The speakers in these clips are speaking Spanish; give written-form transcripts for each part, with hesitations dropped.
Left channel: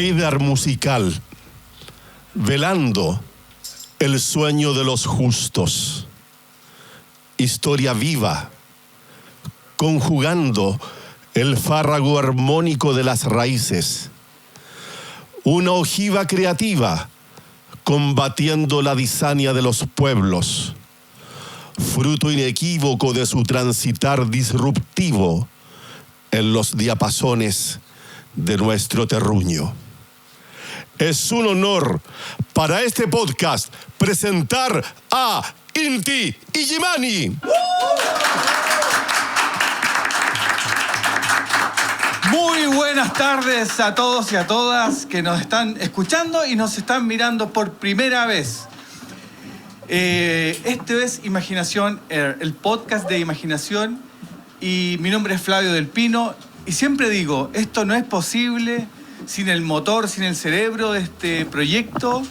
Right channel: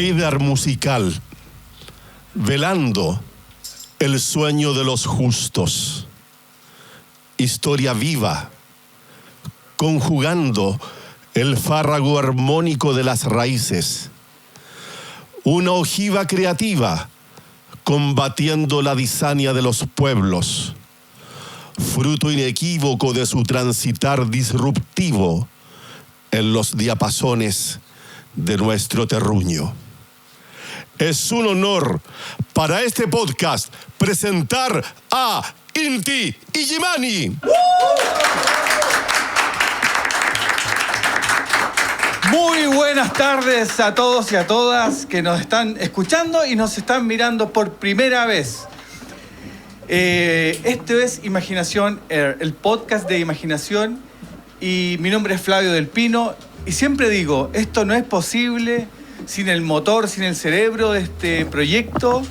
Heider musical, velando el sueño de los justos. Historia viva, conjugando el fárrago armónico de las raíces. Una ojiva creativa, combatiendo la disania de los pueblos. Fruto inequívoco de su transitar disruptivo en los diapasones de nuestro terruño. Es un honor para este podcast presentar a Inti Illimani. Muy buenas tardes a todos y a todas que nos están escuchando y nos están mirando por primera vez. Este es Imaginación Air, el podcast de imaginación, y mi nombre es Flavio del Pino y siempre digo, esto no es posible sin el motor, sin el cerebro de este proyecto,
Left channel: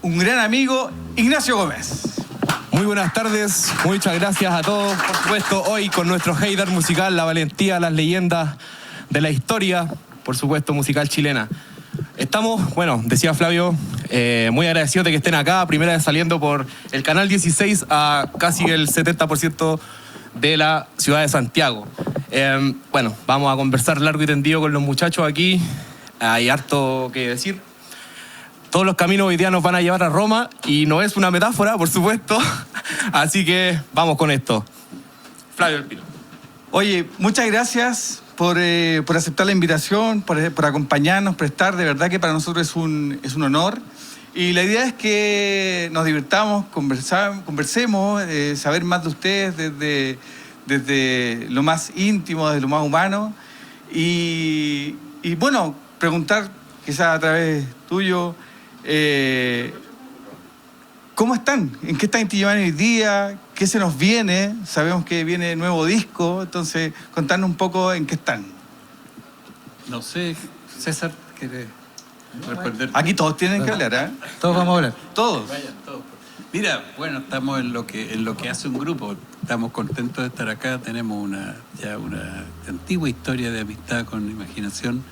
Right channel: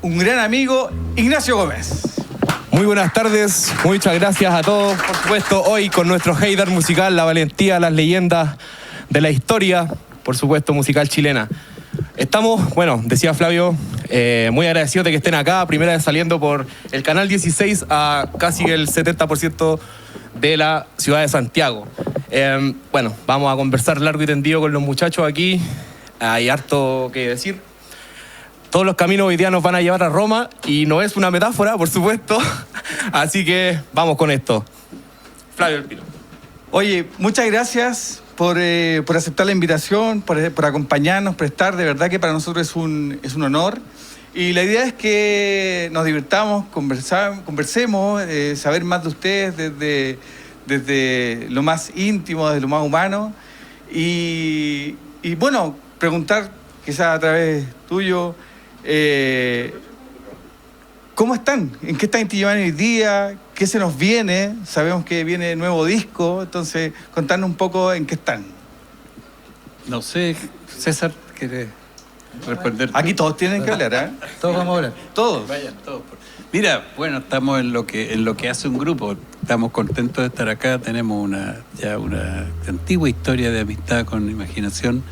un gran amigo, Ignacio Gómez. Muy buenas tardes, muchas gracias a todos, por supuesto, hoy con nuestro Heider musical, la valentía, las leyendas de la historia, por supuesto, musical chilena. Estamos, bueno, decía Flavio, muy agradecidos de que estén acá, primera vez saliendo por el canal 16 a casi el 70% de la ciudad de Santiago. Bueno, vamos a conversar largo y tendido con los muchachos aquí, hay harto que decir. Todos los caminos hoy día nos van a llevar a Roma y no es una metáfora, por supuesto, así que vamos con esto. Flavio del Pino. Oye, muchas gracias por aceptar la invitación, por acompañarnos, por estar. De verdad que para nosotros es un honor. Y la idea es que nos divirtamos, conversemos, saber más de ustedes desde lo más íntimo, desde lo más humano. Y bueno, preguntar, quizás a través tuyo, ¿cómo están? ¿En qué están Inti Illimani hoy día? ¿Qué se nos viene? Sabemos que viene nuevo disco, entonces contarnos un poco en qué están. No sé, César, ¿quiere responder? Aquí todos tienen que hablar, ¿eh? Todos vamos a hablar. Todos. Vayan, todos. Mira, bueno, estamos en lo que hace un grupo. Estamos contentos de estar acá. Tenemos ya una antigua historia de amistad con Imaginación.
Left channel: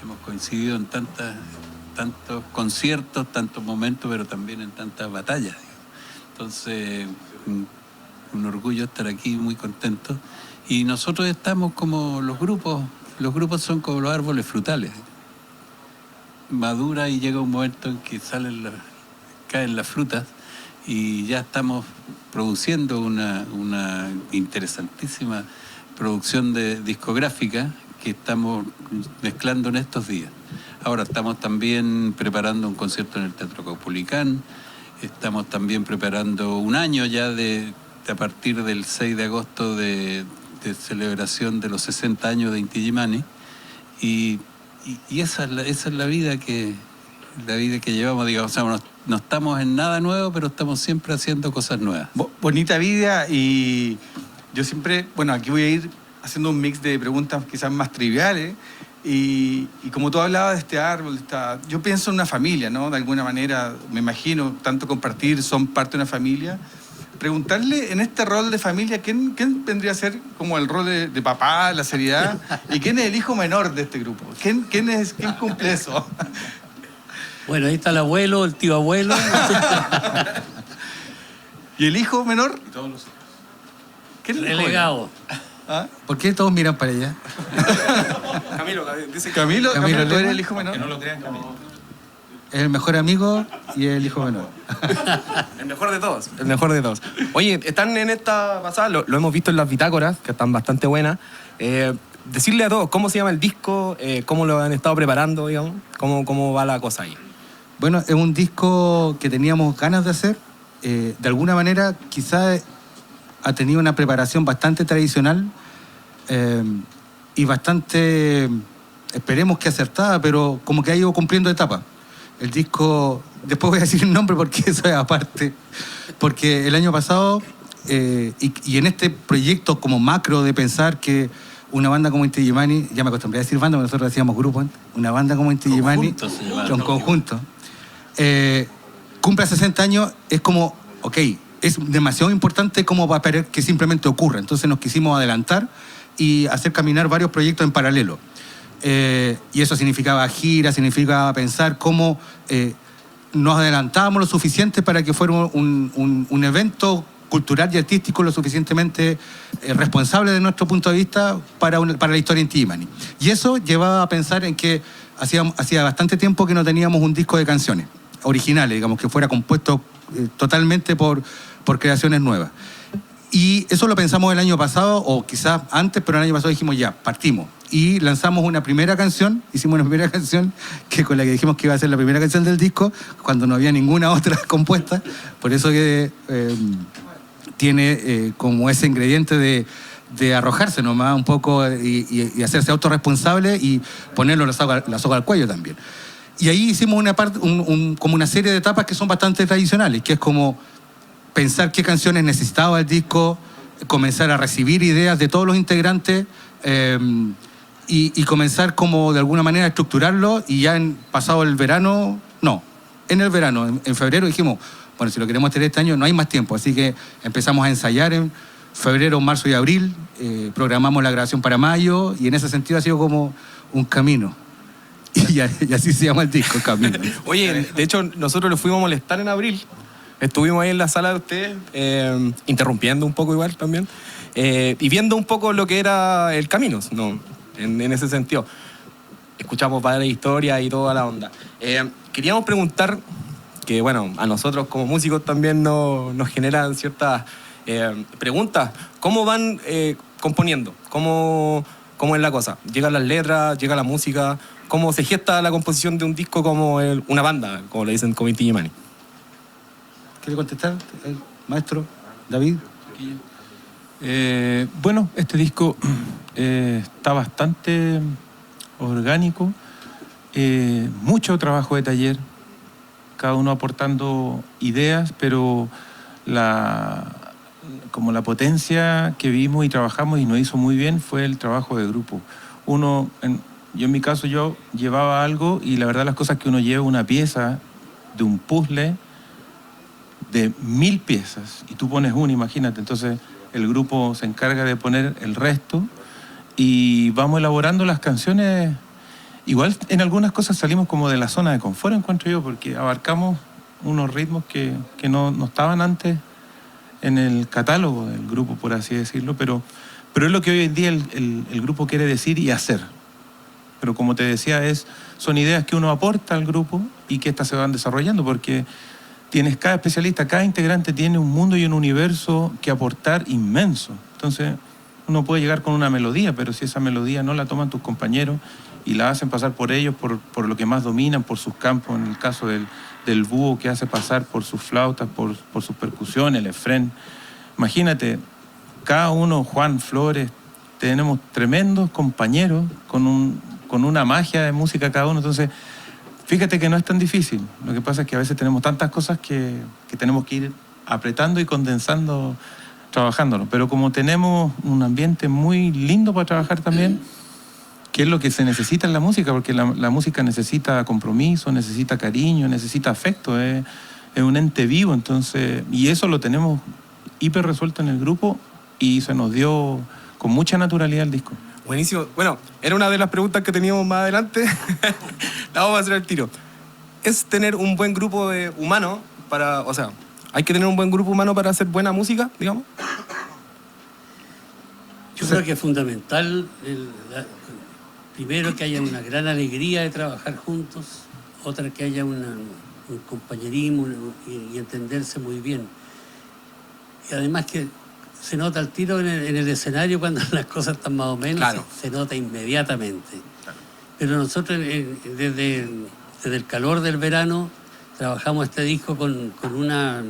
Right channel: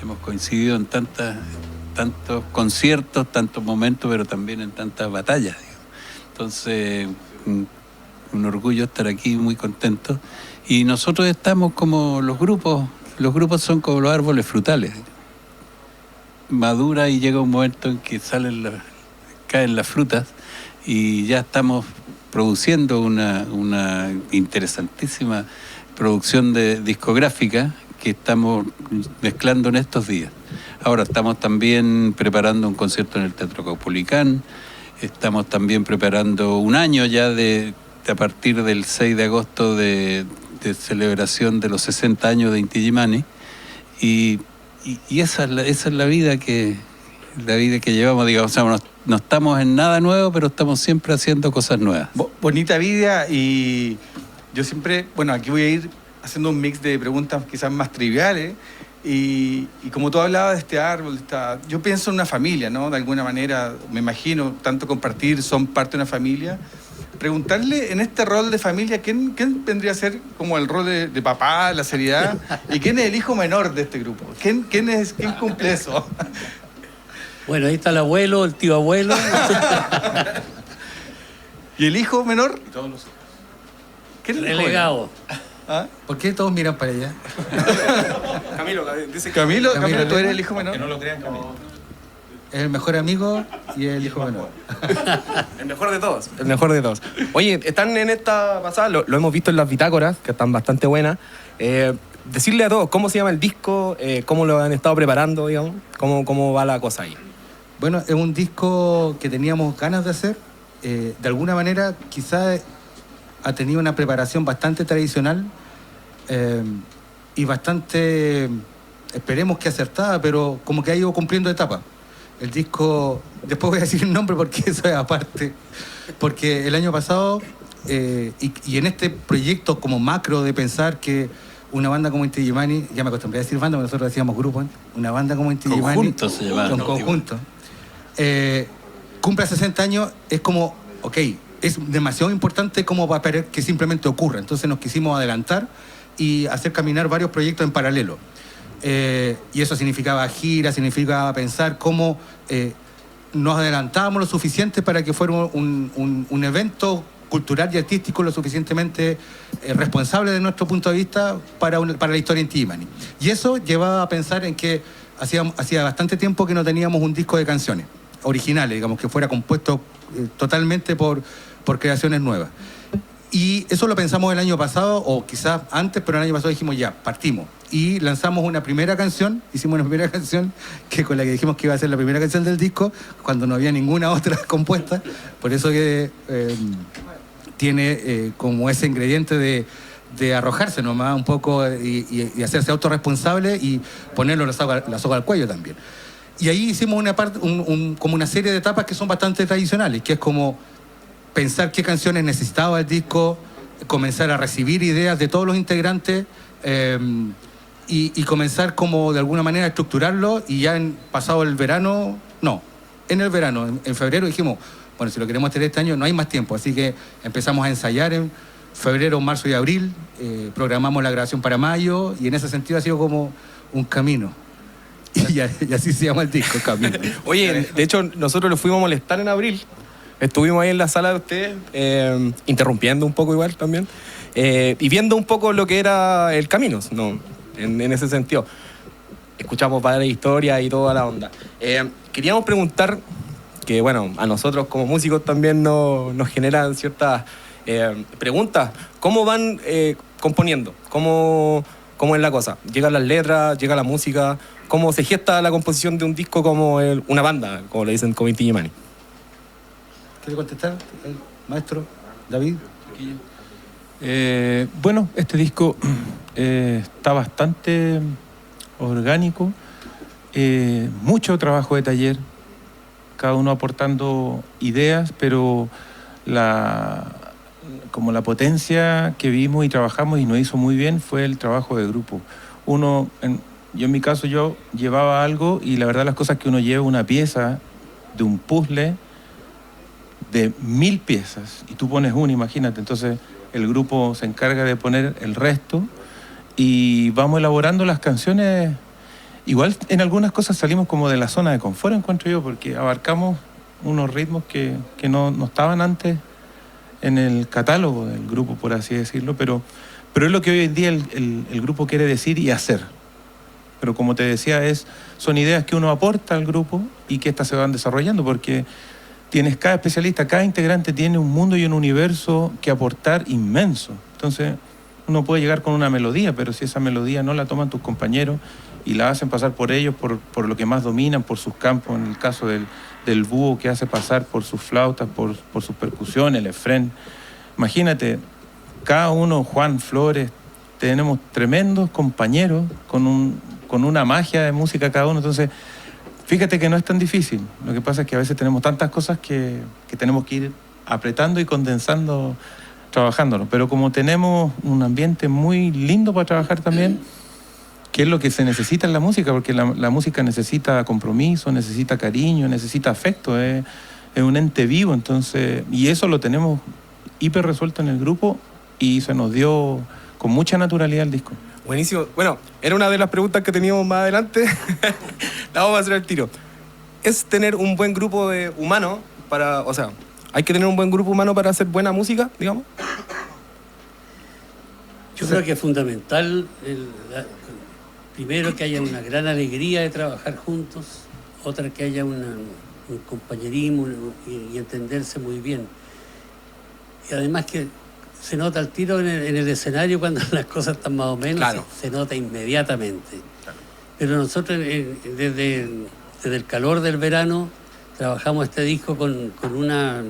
Hemos coincidido en tantos conciertos, tantos momentos, pero también en tantas batallas. Entonces, un orgullo estar aquí, muy contentos. Y nosotros estamos como los grupos son como los árboles frutales. Madura y llega un momento en que caen las frutas y ya estamos produciendo una interesantísima producción discográfica que estamos mezclando en estos días. Ahora estamos también preparando un concierto en el Teatro Caupolicán, estamos también preparando un año ya a partir del 6 de agosto de celebración de los 60 años de Inti Illimani, y esa es la vida que llevamos, digamos. O sea, no estamos en nada nuevo, pero estamos siempre haciendo cosas nuevas. Bonita vida, y yo siempre, bueno, aquí voy a ir haciendo un mix de preguntas quizás más triviales. Y como tú hablabas de este árbol, yo pienso en una familia, ¿no? De alguna manera, me imagino, tanto compartir, son parte de una familia. Preguntarle en este rol de familia, ¿quién vendría a ser como el rol de papá, la seriedad? ¿Y quién es el hijo menor de este grupo? ¿Quién cumple eso? Bueno, ahí está el abuelo, el tío abuelo. ¿Y el hijo menor? Todos los hijos. ¿Quién es el relegado? ¿Ah? ¿Por qué todos miran para allá? Camilo, ¿tú eres el hijo menor? Que no lo crean, Camilo. Es el mejor amigo y el hijo menor. El mejor de todos. El mejor de todos. Oye, están en esta pasada, lo hemos visto en las bitácoras, que están bastante buenas. Decirle a todos, ¿cómo se llama el disco? ¿Cómo lo han estado preparando, digamos? ¿Cómo va la cosa ahí? Bueno, es un disco que teníamos ganas de hacer. De alguna manera, quizás ha tenido una preparación bastante tradicional y bastante, esperemos que acertada, pero como que ha ido cumpliendo etapas. El disco, después voy a decir el nombre porque eso es aparte, porque el año pasado, y en este proyecto como macro de pensar que una banda como Inti Illimani, ya me acostumbré a decir banda, porque nosotros decíamos grupo, una banda como Inti Illimani, un conjunto, cumple 60 años, es como, ok, es demasiado importante como para que simplemente ocurra. Entonces nos quisimos adelantar y hacer caminar varios proyectos en paralelo. y eso significaba gira, significaba pensar cómo nos adelantábamos lo suficiente para que fuera un evento cultural y artístico lo suficientemente responsable de nuestro punto de vista para la historia Inti Illimani. Y eso llevaba a pensar en que hacía bastante tiempo que no teníamos un disco de canciones originales, digamos, que fuera compuesto totalmente por creaciones nuevas. Y eso lo pensamos el año pasado, o quizás antes, pero el año pasado dijimos ya, partimos. Y lanzamos una primera canción, hicimos una primera canción con la que dijimos que iba a ser la primera canción del disco, cuando no había ninguna otra compuesta. Por eso que tiene como ese ingrediente de arrojarse nomás un poco y hacerse autorresponsable y ponerlo la soga al cuello también. Y ahí hicimos una parte, como una serie de etapas que son bastante tradicionales, que es como pensar qué canciones necesitaba el disco, comenzar a recibir ideas de todos los integrantes y comenzar como de alguna manera a estructurarlo. Y ya pasado el verano, en el verano, en febrero dijimos, bueno, si lo queremos hacer este año no hay más tiempo, así que empezamos a ensayar en febrero, marzo y abril, programamos la grabación para mayo y en ese sentido ha sido como un camino. Y así se llama el disco, Camino. Oye, de hecho nosotros los fuimos a molestar en abril. Estuvimos ahí en la sala de ustedes, interrumpiendo un poco igual también, y viendo un poco lo que era el camino, ¿no? En ese sentido. Escuchamos varias historias y toda la onda. Queríamos preguntar, que bueno, a nosotros como músicos también nos generan ciertas preguntas. ¿Cómo van componiendo? ¿Cómo es la cosa? ¿Llegan las letras? ¿Llega la música? ¿Cómo se gesta la composición de un disco como una banda, como le dicen como Inti Illimani? ¿Quiere contestar, maestro David? Bueno, este disco está bastante orgánico, mucho trabajo de taller, cada uno aportando ideas, pero como la potencia que vimos y trabajamos y nos hizo muy bien fue el trabajo de grupo. Yo en mi caso yo llevaba algo y la verdad las cosas que uno lleva, una pieza de un puzzle de 1000 piezas y tú pones una, imagínate, entonces el grupo se encarga de poner el resto y vamos elaborando las canciones. Igual en algunas cosas salimos como de la zona de confort, encuentro yo, porque abarcamos unos ritmos que no estaban antes en el catálogo del grupo, por así decirlo, pero es lo que hoy en día el grupo quiere decir y hacer. Pero como te decía, son ideas que uno aporta al grupo y que estas se van desarrollando, porque cada especialista, cada integrante tiene un mundo y un universo que aportar inmenso. Entonces, uno puede llegar con una melodía, pero si esa melodía no la toman tus compañeros y la hacen pasar por ellos, por lo que más dominan, por sus campos, en el caso del búho que hace pasar por sus flautas, por sus percusiones, el efrén. Imagínate, cada uno, Juan, Flores, tenemos tremendos compañeros con una magia de música cada uno, entonces fíjate que no es tan difícil. Lo que pasa es que a veces tenemos tantas cosas que tenemos que ir apretando y condensando, trabajándolo. Pero como tenemos un ambiente muy lindo para trabajar también, que es lo que se necesita en la música, porque la música necesita compromiso, necesita cariño, necesita afecto, es un ente vivo, entonces, y eso lo tenemos hiper resuelto en el grupo y se nos dio con mucha naturalidad el disco. Buenísimo. Bueno, era una de las preguntas que teníamos más adelante. La vamos a hacer al tiro. ¿Es tener un buen grupo de humanos hay que tener un buen grupo humano para hacer buena música, digamos? Yo creo que es fundamental, primero, que haya una gran alegría de trabajar juntos, otra que haya un compañerismo y entenderse muy bien. Y además que se nota al tiro en el escenario cuando las cosas están más o menos, claro. Se nota inmediatamente. Claro. Pero nosotros desde el calor del verano trabajamos este disco con una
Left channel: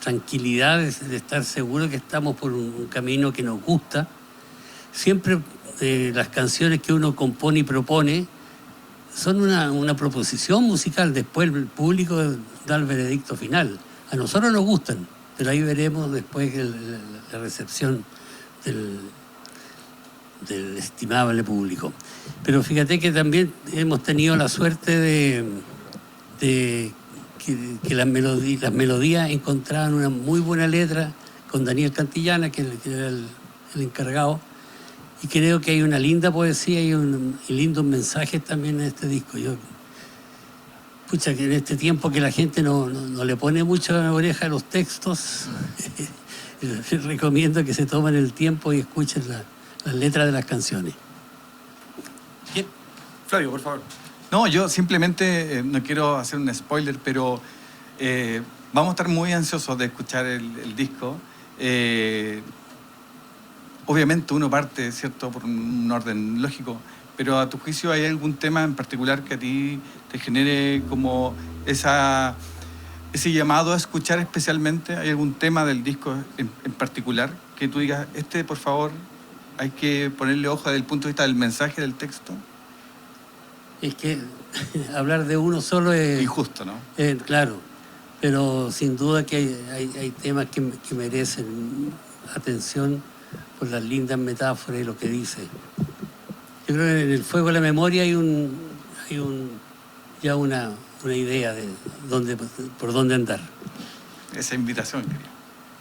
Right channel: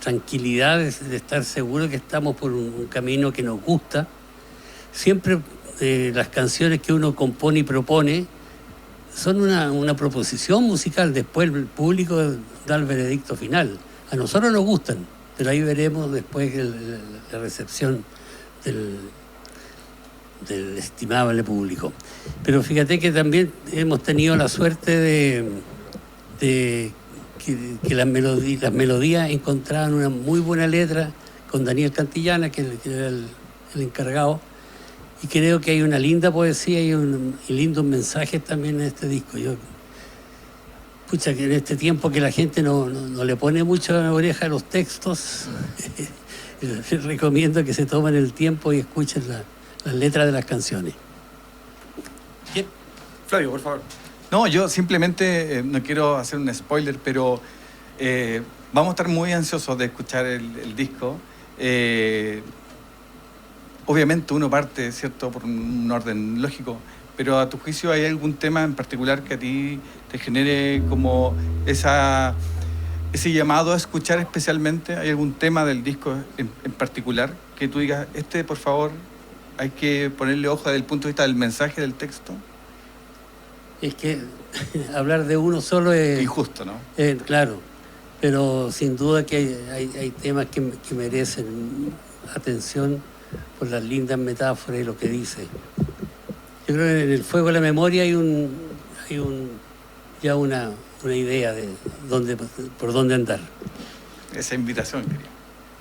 tranquilidad de estar seguros que estamos por un camino que nos gusta. Siempre las canciones que uno compone y propone son una proposición musical, después el público da el veredicto final. A nosotros nos gustan, pero ahí veremos después la recepción del estimable público. Pero fíjate que también hemos tenido la suerte de que las melodías encontraban una muy buena letra con Daniel Cantillana, que era el encargado, Y creo que hay una linda poesía y lindos mensajes también en este disco. Pucha, que en este tiempo que la gente no le pone mucho a la oreja a los textos, les recomiendo que se tomen el tiempo y escuchen las letras de las canciones. Bien. Flavio, por favor. No, yo simplemente no quiero hacer un spoiler, pero vamos a estar muy ansiosos de escuchar el disco. Obviamente uno parte, ¿cierto?, por un orden lógico, pero a tu juicio, ¿hay algún tema en particular que a ti te genere como ese llamado a escuchar especialmente? ¿Hay algún tema del disco en particular que tú digas, por favor, hay que ponerle ojo desde el punto de vista del mensaje del texto? Es que hablar de uno solo es... Injusto, ¿no? Claro, pero sin duda que hay temas que merecen atención por las lindas metáforas y lo que dice. Yo creo que en el fuego de la memoria hay ya una idea de por dónde andar. Esa invitación.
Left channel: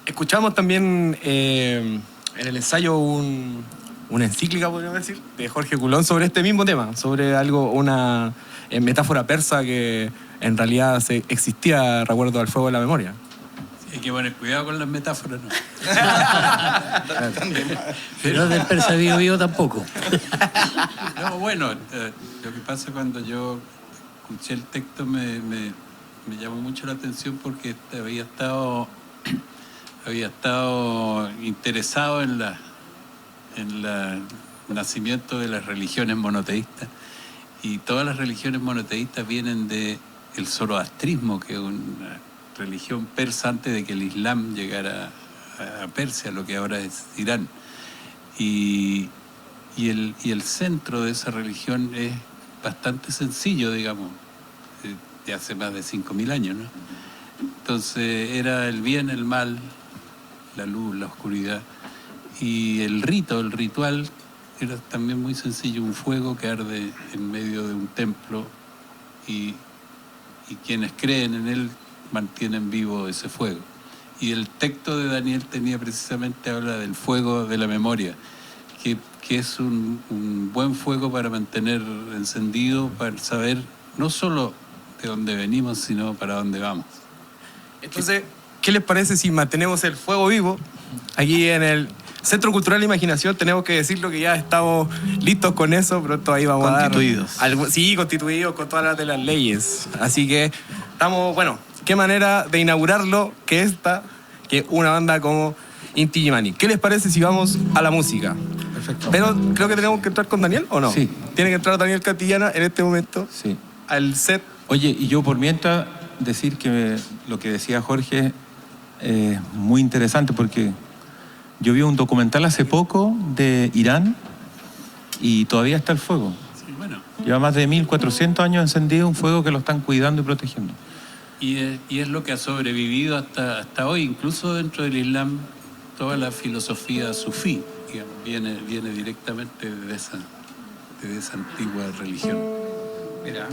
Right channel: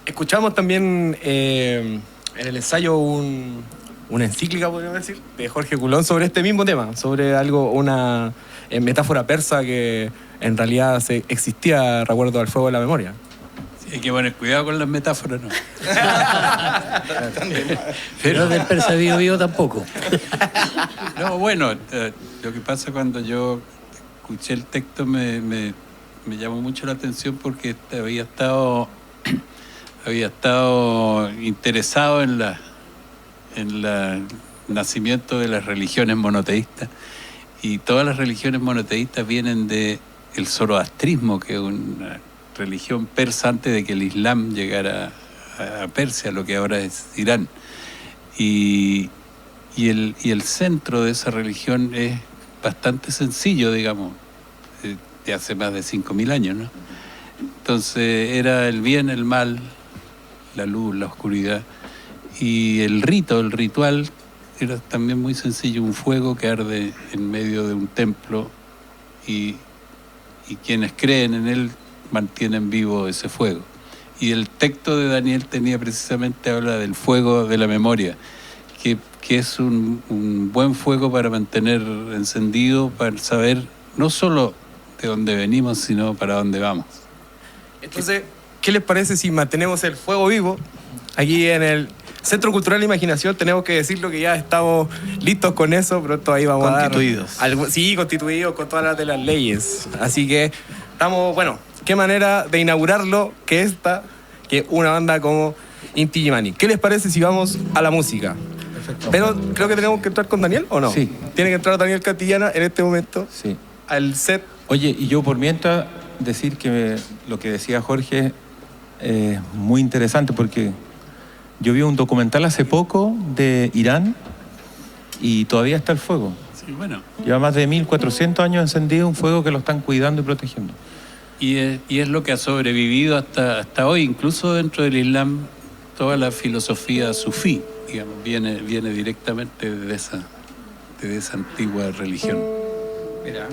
Escuchamos también en el ensayo una encíclica, podríamos decir, de Jorge Coulon sobre este mismo tema, sobre una metáfora persa que en realidad existía, recuerdo, al fuego de la memoria. Sí, hay que poner cuidado con las metáforas, ¿no? Pero del persa vivo tampoco. No, bueno, lo que pasa cuando yo escuché el texto me llamó mucho la atención porque había estado interesado en el nacimiento de las religiones monoteístas, y todas las religiones monoteístas vienen del zoroastrismo, que es una religión persa antes de que el Islam llegara a Persia, lo que ahora es Irán. Y el centro de esa religión es bastante sencillo, digamos, de hace más de 5.000 años, ¿no? Entonces era el bien, el mal, la luz, la oscuridad. Y el ritual era también muy sencillo, un fuego que arde en medio de un templo y quienes creen en él mantienen vivo ese fuego. Y el texto de Daniel habla del fuego de la memoria, que es un buen fuego para mantener encendido, para saber no solo de dónde venimos, sino para dónde vamos. Entonces, ¿qué les parece si mantenemos el fuego vivo? Aquí en el Centro Cultural de Imaginación tenemos que decirlo que ya estamos listos con eso, pronto ahí vamos constituidos. Constituidos con todas las de las leyes. Así que estamos, bueno, qué manera de inaugurarlo que una banda como Inti Illimani. ¿Qué les parece si vamos a la música? Perfecto. Pero creo que tenemos que entrar con Daniel, ¿o no? Sí. Tiene que entrar Daniel Cantillana en este momento. Sí. Al set. Oye, y yo por mientras decir que lo que decía Jorge es muy interesante, porque yo vi un documental hace poco de Irán y todavía está el fuego. Sí, bueno. Lleva más de 1400 años encendido, un fuego que lo están cuidando y protegiendo. Y es lo que ha sobrevivido hasta hoy, incluso dentro del Islam, toda la filosofía sufí, digamos, viene directamente de esa antigua religión. Mira.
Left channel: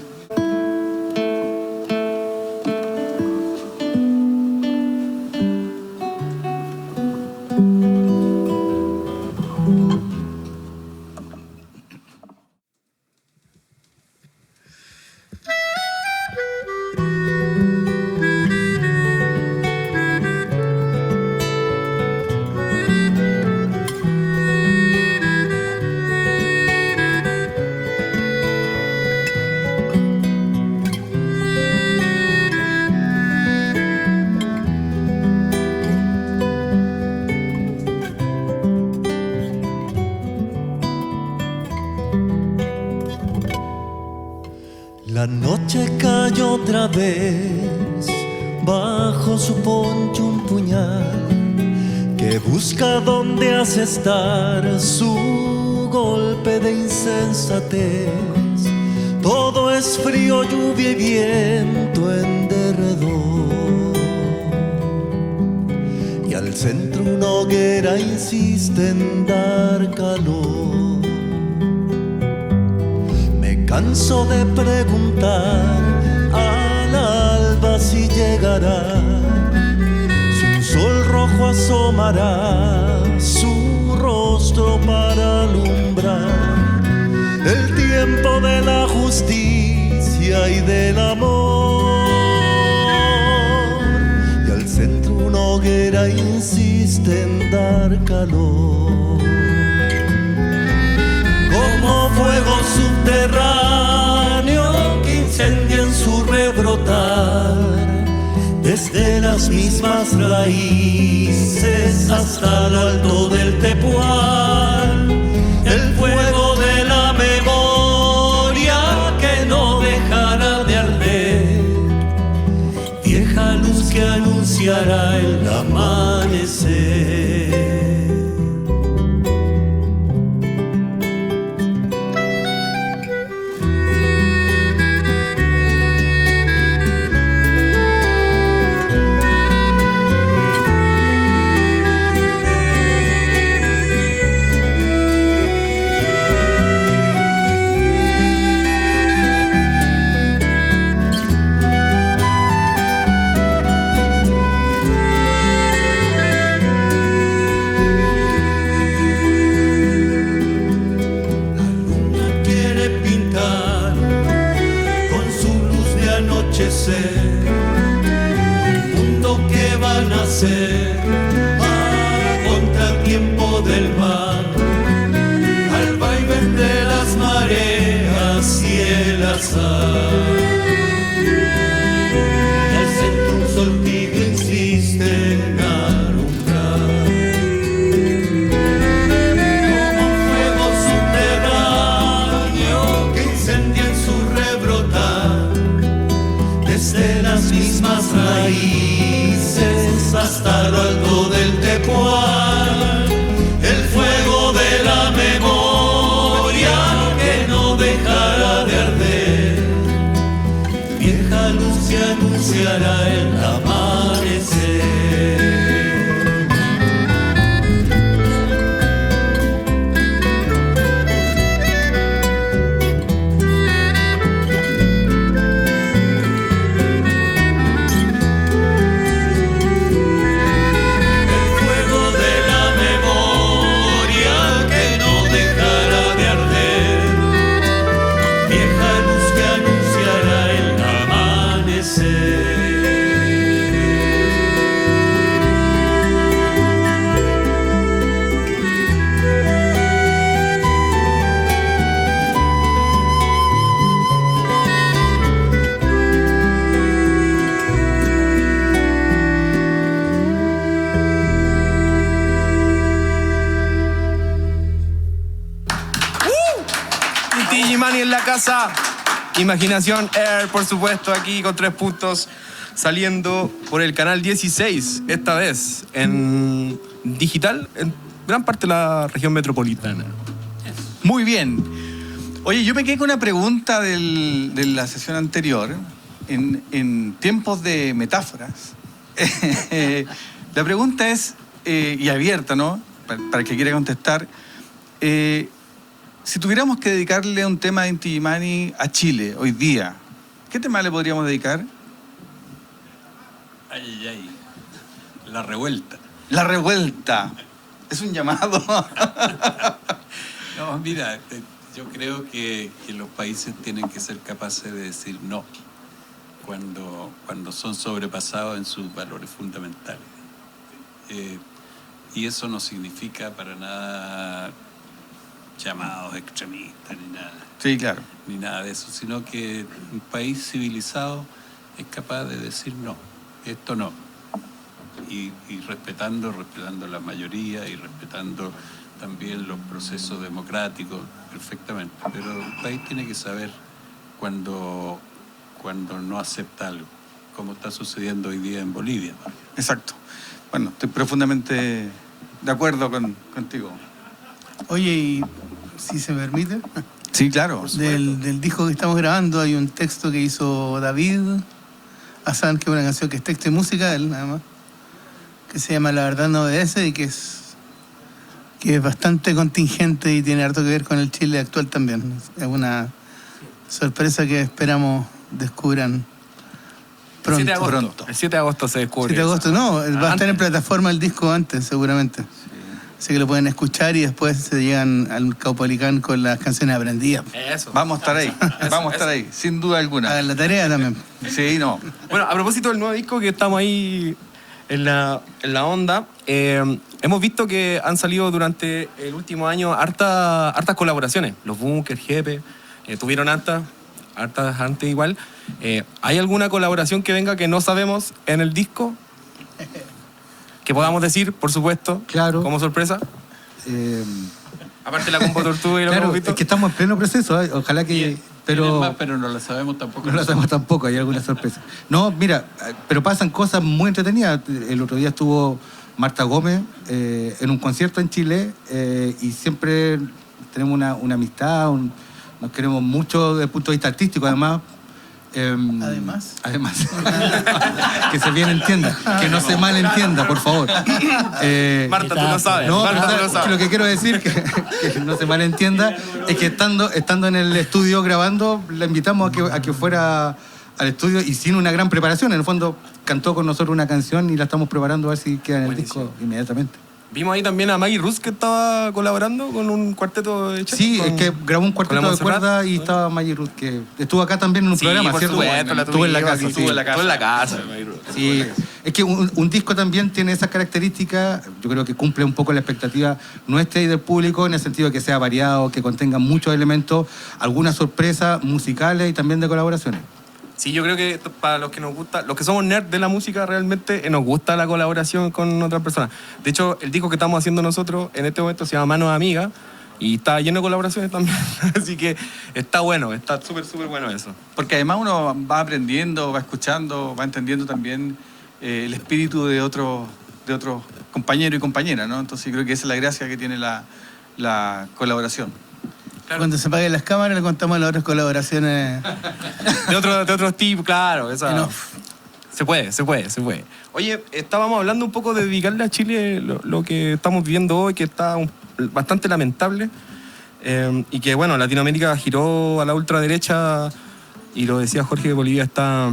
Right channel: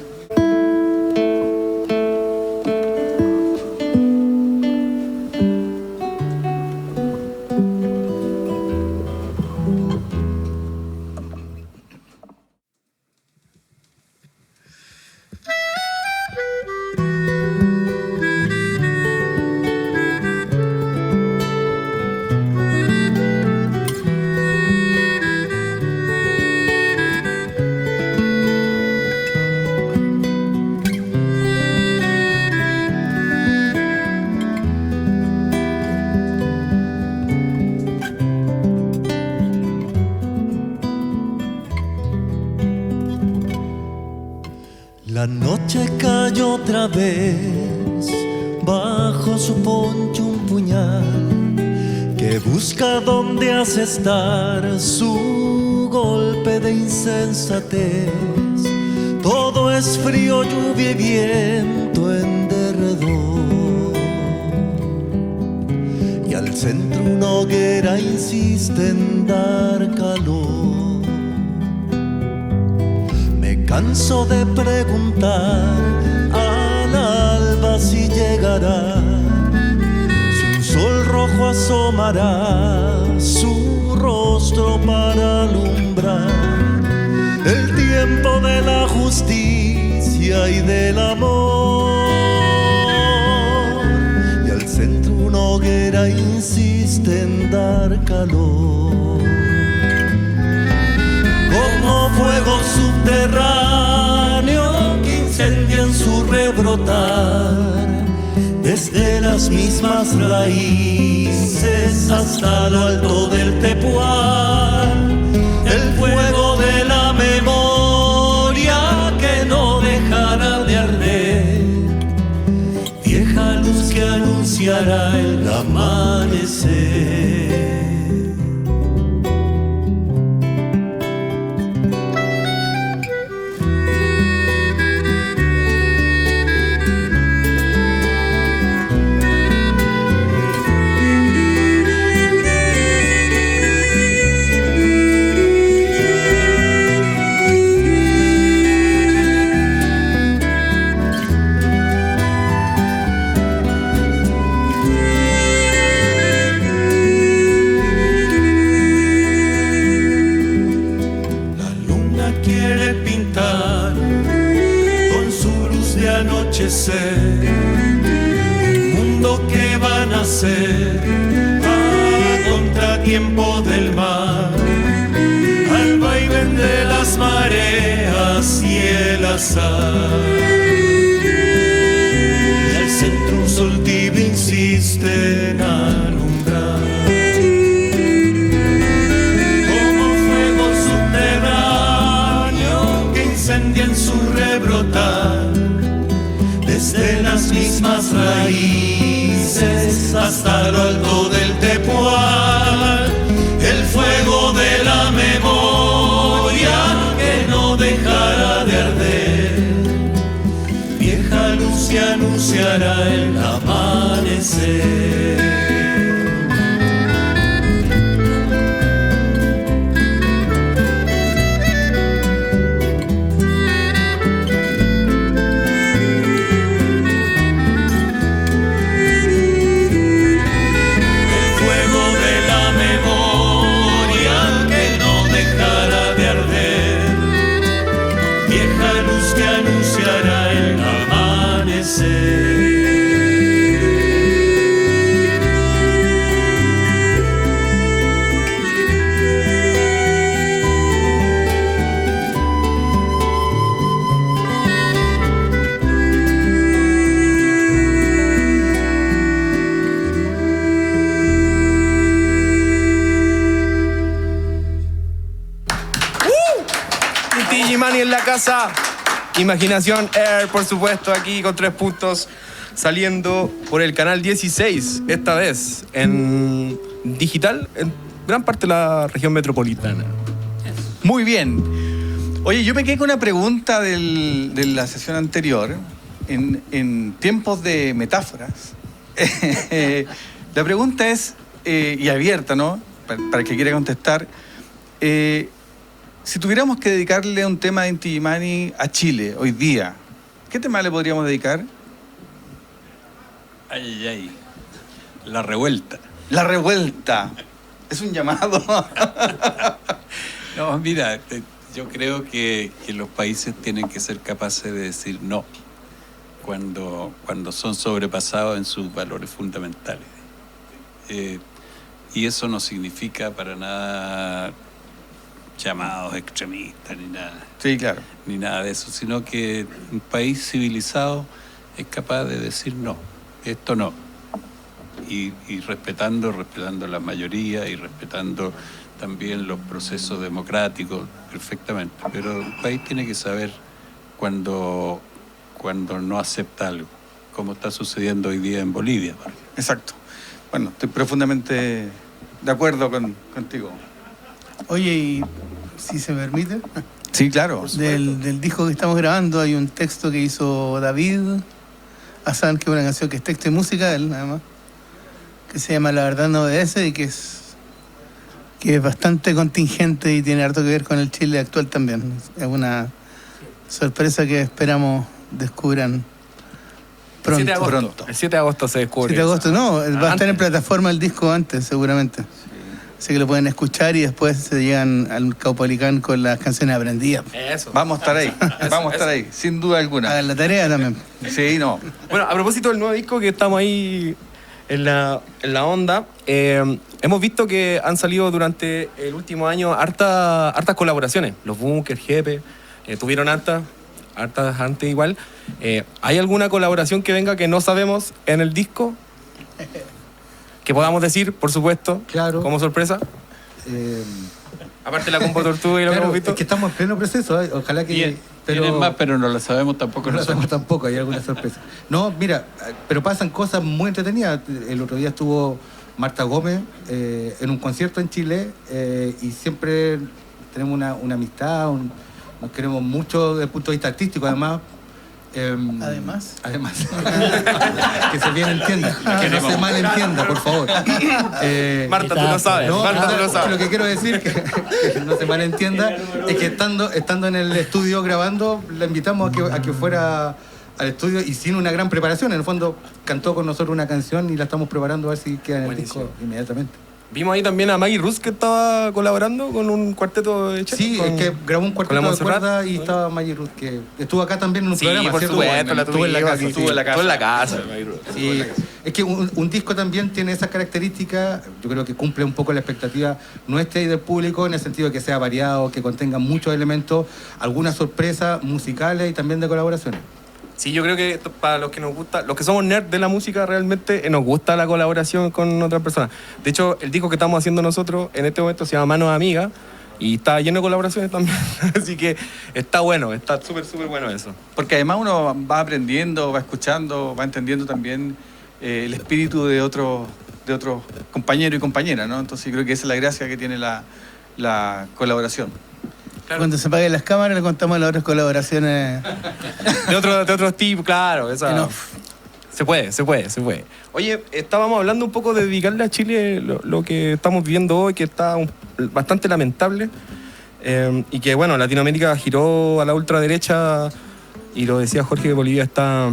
La noche cayó otra vez, bajo su poncho un puñal que busca donde hace estar su golpe de insensatez. Todo es frío, lluvia y viento en derredor, y al centro una hoguera insiste en dar calor. Canso de preguntar al alba si llegará, si un sol rojo asomará su rostro para alumbrar. el tiempo de la justicia y del amor. Y al centro una hoguera insiste en dar calor. Como fuego subterráneo que incendia en su rebrotar, desde las mismas raíces hasta lo alto del tepual, el fuego de la memoria que no dejará de arder, vieja luz que anunciará el amanecer. Un mundo que va a nacer a contratiempo del mar, al vaivén de las mareas y el azar. Y al centro un sol tibio insiste en alumbrar, como fuego subterráneo que incendia en su rebrotar, desde las mismas raíces hasta lo alto del tepual, el fuego de la memoria que no dejará de arder, vieja luz que anunciará el amanecer. Imaginación Air, por supuesto, aquí con 3 puntos, saliendo por el canal 16, esta vez en digital, en gran parte de la región metropolitana. Muy bien. Oye, yo me quedé con una pregunta de la sesión anterior, en tiempos de metáforas. La pregunta es, y abierta, ¿no? Para el que quiera contestar, si tuviéramos que dedicarle un tema de Inti Illimani a Chile hoy día, ¿qué tema le podríamos dedicar? Ay. La revuelta. La revuelta. Es un llamado. No, mira, yo creo que los países tienen que ser capaces de decir no cuando son sobrepasados en sus valores fundamentales. Y eso no significa para nada llamados extremistas ni nada. Sí, claro. Ni nada de eso, sino que un país civilizado es capaz de decir no, esto no. Y respetando la mayoría y respetando también los procesos democráticos perfectamente. Pero el país tiene que saber cuando no acepta algo, como está sucediendo hoy día en Bolivia. Exacto. Bueno, estoy profundamente de acuerdo contigo. Oye, y si se me permite, sí, claro, del disco que estamos grabando hay un texto que hizo David Hassan, que es una canción que es texto y música de él, nada más, que se llama La verdad no obedece, y que es bastante contingente y tiene harto que ver con el Chile actual también. Es una sorpresa que esperamos descubran pronto. El 7 de agosto se descubre. 7 de agosto, no, va a estar en plataforma el disco antes, seguramente. Así que lo pueden escuchar y después se llegan al Caupolicán con las canciones aprendidas. Eso. Vamos a estar ahí, vamos a estar ahí, sin duda alguna. Hagan la tarea también. Sí, no. Bueno, a propósito del nuevo disco que estamos ahí en la onda, hemos visto que han salido durante el último año hartas colaboraciones. Los Bunkers, Jepe, tuvieron hartas antes igual. ¿Hay alguna colaboración que venga que no sabemos en el disco? Que podamos decir, por supuesto, Claro. como sorpresa. Aparte de la Combo Tortuga y lo que Claro, hemos visto. es que estamos en pleno proceso, ojalá que... Tienen más, pero no lo sabemos tampoco. No lo sabemos tampoco, hay alguna sorpresa. No, mira, pero pasan cosas muy entretenidas. El otro día estuvo Marta Gómez en un concierto en Chile y siempre tenemos una amistad, nos queremos mucho desde el punto de vista artístico, además. Además. Que se bien entienda, que no se malentienda, por favor. Marta, tú lo sabes. No, Marta, tú lo es que sabes. lo que quiero decir, que no se malentienda, es que estando en el estudio grabando, la invitamos a que fuera al estudio y sin una gran preparación. En el fondo, cantó con nosotros una canción y la estamos preparando a ver si queda en el disco inmediatamente. Vimos ahí también a Maggie Rus que estaba colaborando con un cuarteto de chef. Sí, con- es que grabó un cuarteto con la de Montserrat. cuerda y estaba Maggie Ruth, que estuvo acá también en un Sí, programa, por ¿cierto? supuesto, la Estuvo en la casa. Estuvo en la casa. Maggie Rus. Sí, es que un disco también tiene esas características, yo creo que cumple un poco la expectativa nuestra y del público, en el sentido de que sea variado, que contenga muchos elementos, algunas sorpresas musicales y también de colaboraciones. Sí, yo creo que para los que nos gusta, los que somos nerds de la música, realmente nos gusta la colaboración con otras personas. De hecho, el disco que estamos haciendo nosotros en este momento se llama Manos Amigas y está lleno de colaboraciones también. Así que está bueno, está súper bueno eso. Porque además uno va aprendiendo, va escuchando, va entendiendo también el espíritu de otros compañeros y compañeras, ¿no? Entonces creo que esa es la gracia que tiene la colaboración. Cuando se apaguen las cámaras le contamos las otras colaboraciones. De otros tipos, claro. Esa, No. Se puede. Oye, estábamos hablando un poco de dedicarle a Chile lo que estamos viviendo hoy, que está bastante lamentable. Y que, bueno, Latinoamérica giró a la ultraderecha y lo decía Jorge, que Bolivia está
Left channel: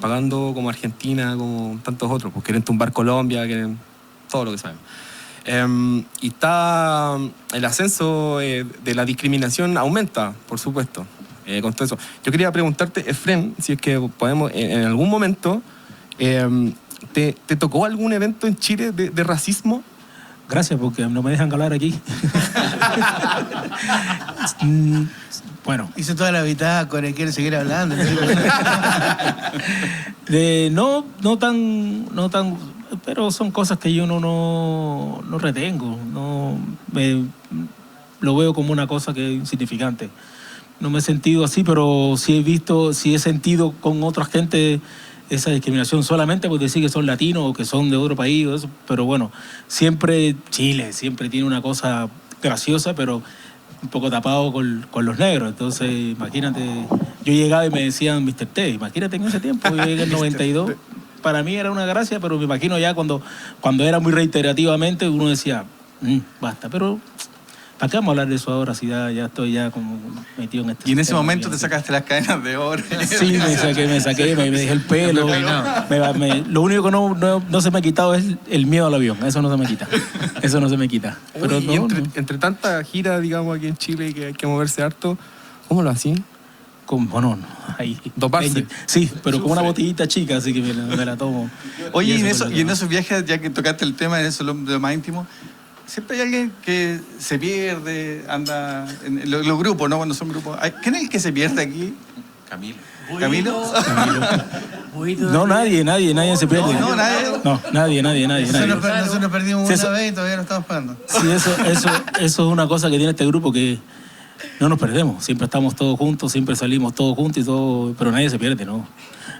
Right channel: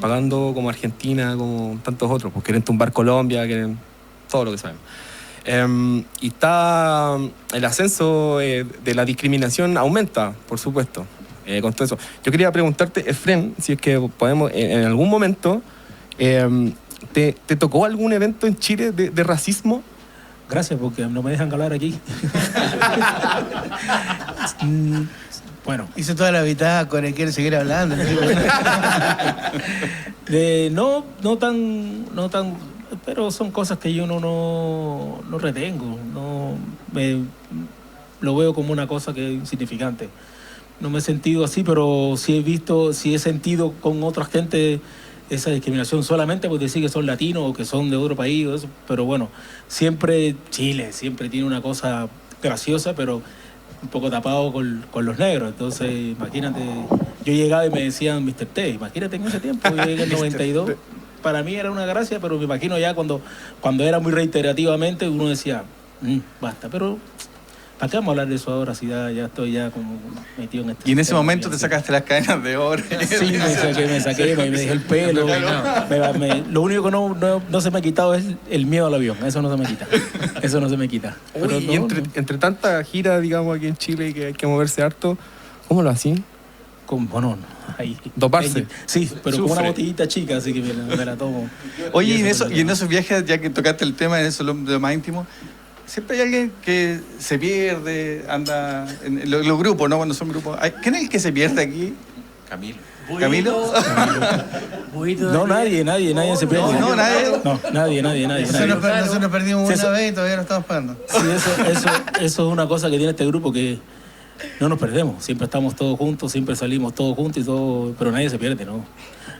pagando como Argentina, como tantos otros, pues quieren tumbar Colombia, quieren todo lo que sabemos. Y está el ascenso de la discriminación aumenta, por supuesto, con todo eso. Yo quería preguntarte, Efren, si es que podemos, en algún momento, ¿te tocó algún evento en Chile de racismo? Gracias, porque no me dejan hablar aquí. Bueno, Hizo toda la bitácora y quiere seguir hablando. no tan, pero son cosas que yo no retengo, lo veo como una cosa que es insignificante. No me he sentido así, pero sí he sentido con otra gente esa discriminación solamente por decir que son latinos o que son de otro país, o eso. Pero bueno, Chile siempre tiene una cosa graciosa, pero un poco tapado con los negros. Entonces, imagínate, yo llegaba y me decían Mr. T, imagínate en ese tiempo, yo llegué en el 92, para mí era una gracia, pero me imagino ya cuando era muy reiterativamente, uno decía, basta, pero ¿para qué vamos a hablar de eso ahora si ya estoy ya como metido en este Y en ese sistema, momento ya, te sí. sacaste las cadenas de oro. Sí, me saqué, me dejé el pelo. Lo único que no se me ha quitado es el miedo al avión. Eso no se me quita. Pero Uy, y entre tanta gira, digamos, aquí en Chile, que hay que moverse harto, ¿cómo lo hacen? Bueno, ahí. Doparse. Sí, pero con una Sufre. botellita chica, así que me la tomo. Oye, eso y en esos viajes, ya que tocaste el tema de eso, de lo más íntimo, siempre hay alguien que se pierde, anda en los grupos, ¿no? Cuando son grupos. ¿Quién es el que se pierde aquí? Camilo. ¿Camilo? No, nadie se pierde. No, nadie. No, nadie. Nosotros perdimos Sí, una eso- vez y todavía no estamos pagando. Sí, eso es una cosa que tiene este grupo, que no nos perdemos. Siempre estamos todos juntos, siempre salimos todos juntos y todo, pero nadie se pierde, ¿no?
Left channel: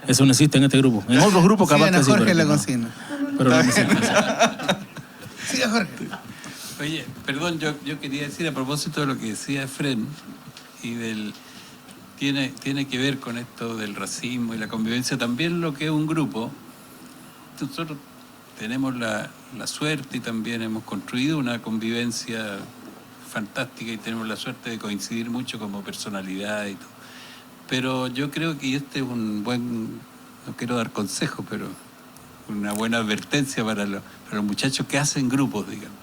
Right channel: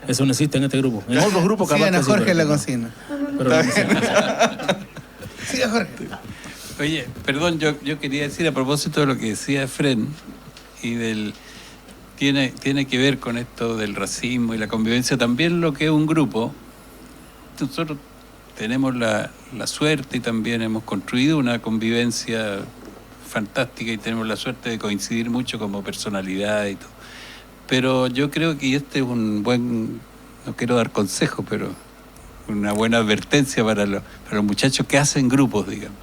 Eso no existe en este grupo. En otros grupos capaz Sigan a que sí, Jorge pero en la no. consigna. Pero no sé. Siga Jorge. Oye, perdón, yo quería decir a propósito de lo que decía Fren y tiene que ver con esto del racismo y la convivencia, también lo que es un grupo. Nosotros tenemos la suerte y también hemos construido una convivencia fantástica y tenemos la suerte de coincidir mucho como personalidad y todo. Pero yo creo que este es un buen, no quiero dar consejo, pero una buena advertencia para los muchachos que hacen grupos, digamos.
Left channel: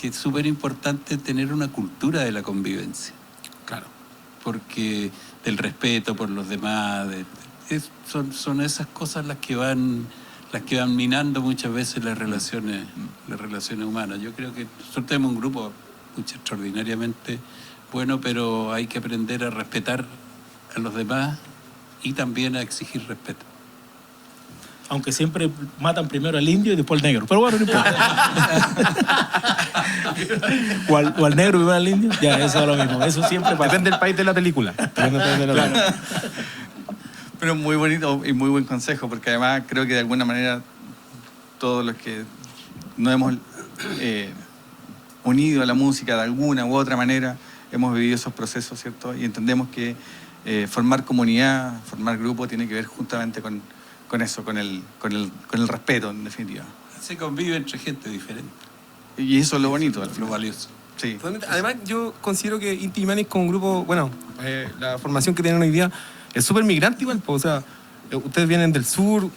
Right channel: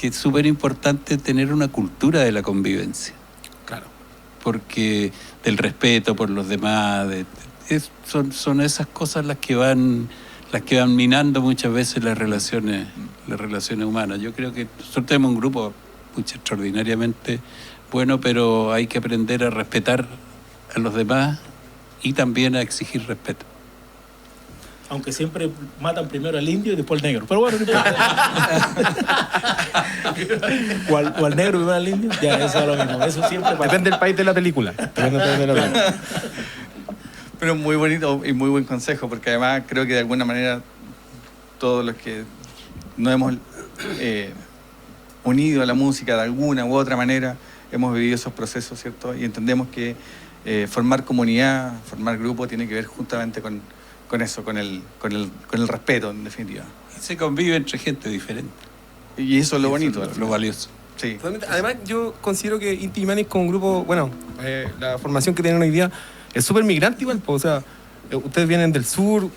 que es súper importante tener una cultura de la convivencia. Claro. Porque del respeto por los demás, son esas cosas las que van minando muchas veces las relaciones humanas. Yo creo que nosotros tenemos un grupo extraordinariamente bueno, pero hay que aprender a respetar a los demás y también a exigir respeto. Aunque siempre matan primero al indio y después al negro. Pero bueno, no importa. o al negro y primero al indio. Ya, eso es lo mismo. Eso siempre pasa. Depende del país de la película. Pero muy bonito y muy buen consejo, porque además creo que de alguna manera todos los que nos hemos unido a la música de alguna u otra manera, hemos vivido esos procesos, ¿cierto? Y entendemos que formar comunidad, formar grupo, tiene que ver justamente con eso, con el respeto, en definitiva. Y se convive entre gente diferente. Y eso es lo bonito. Lo valioso. Sí. Además, yo considero que Inti Illimani como grupo, bueno, la formación que tienen hoy día es súper migrante igual, pues, o sea, ustedes vienen del sur,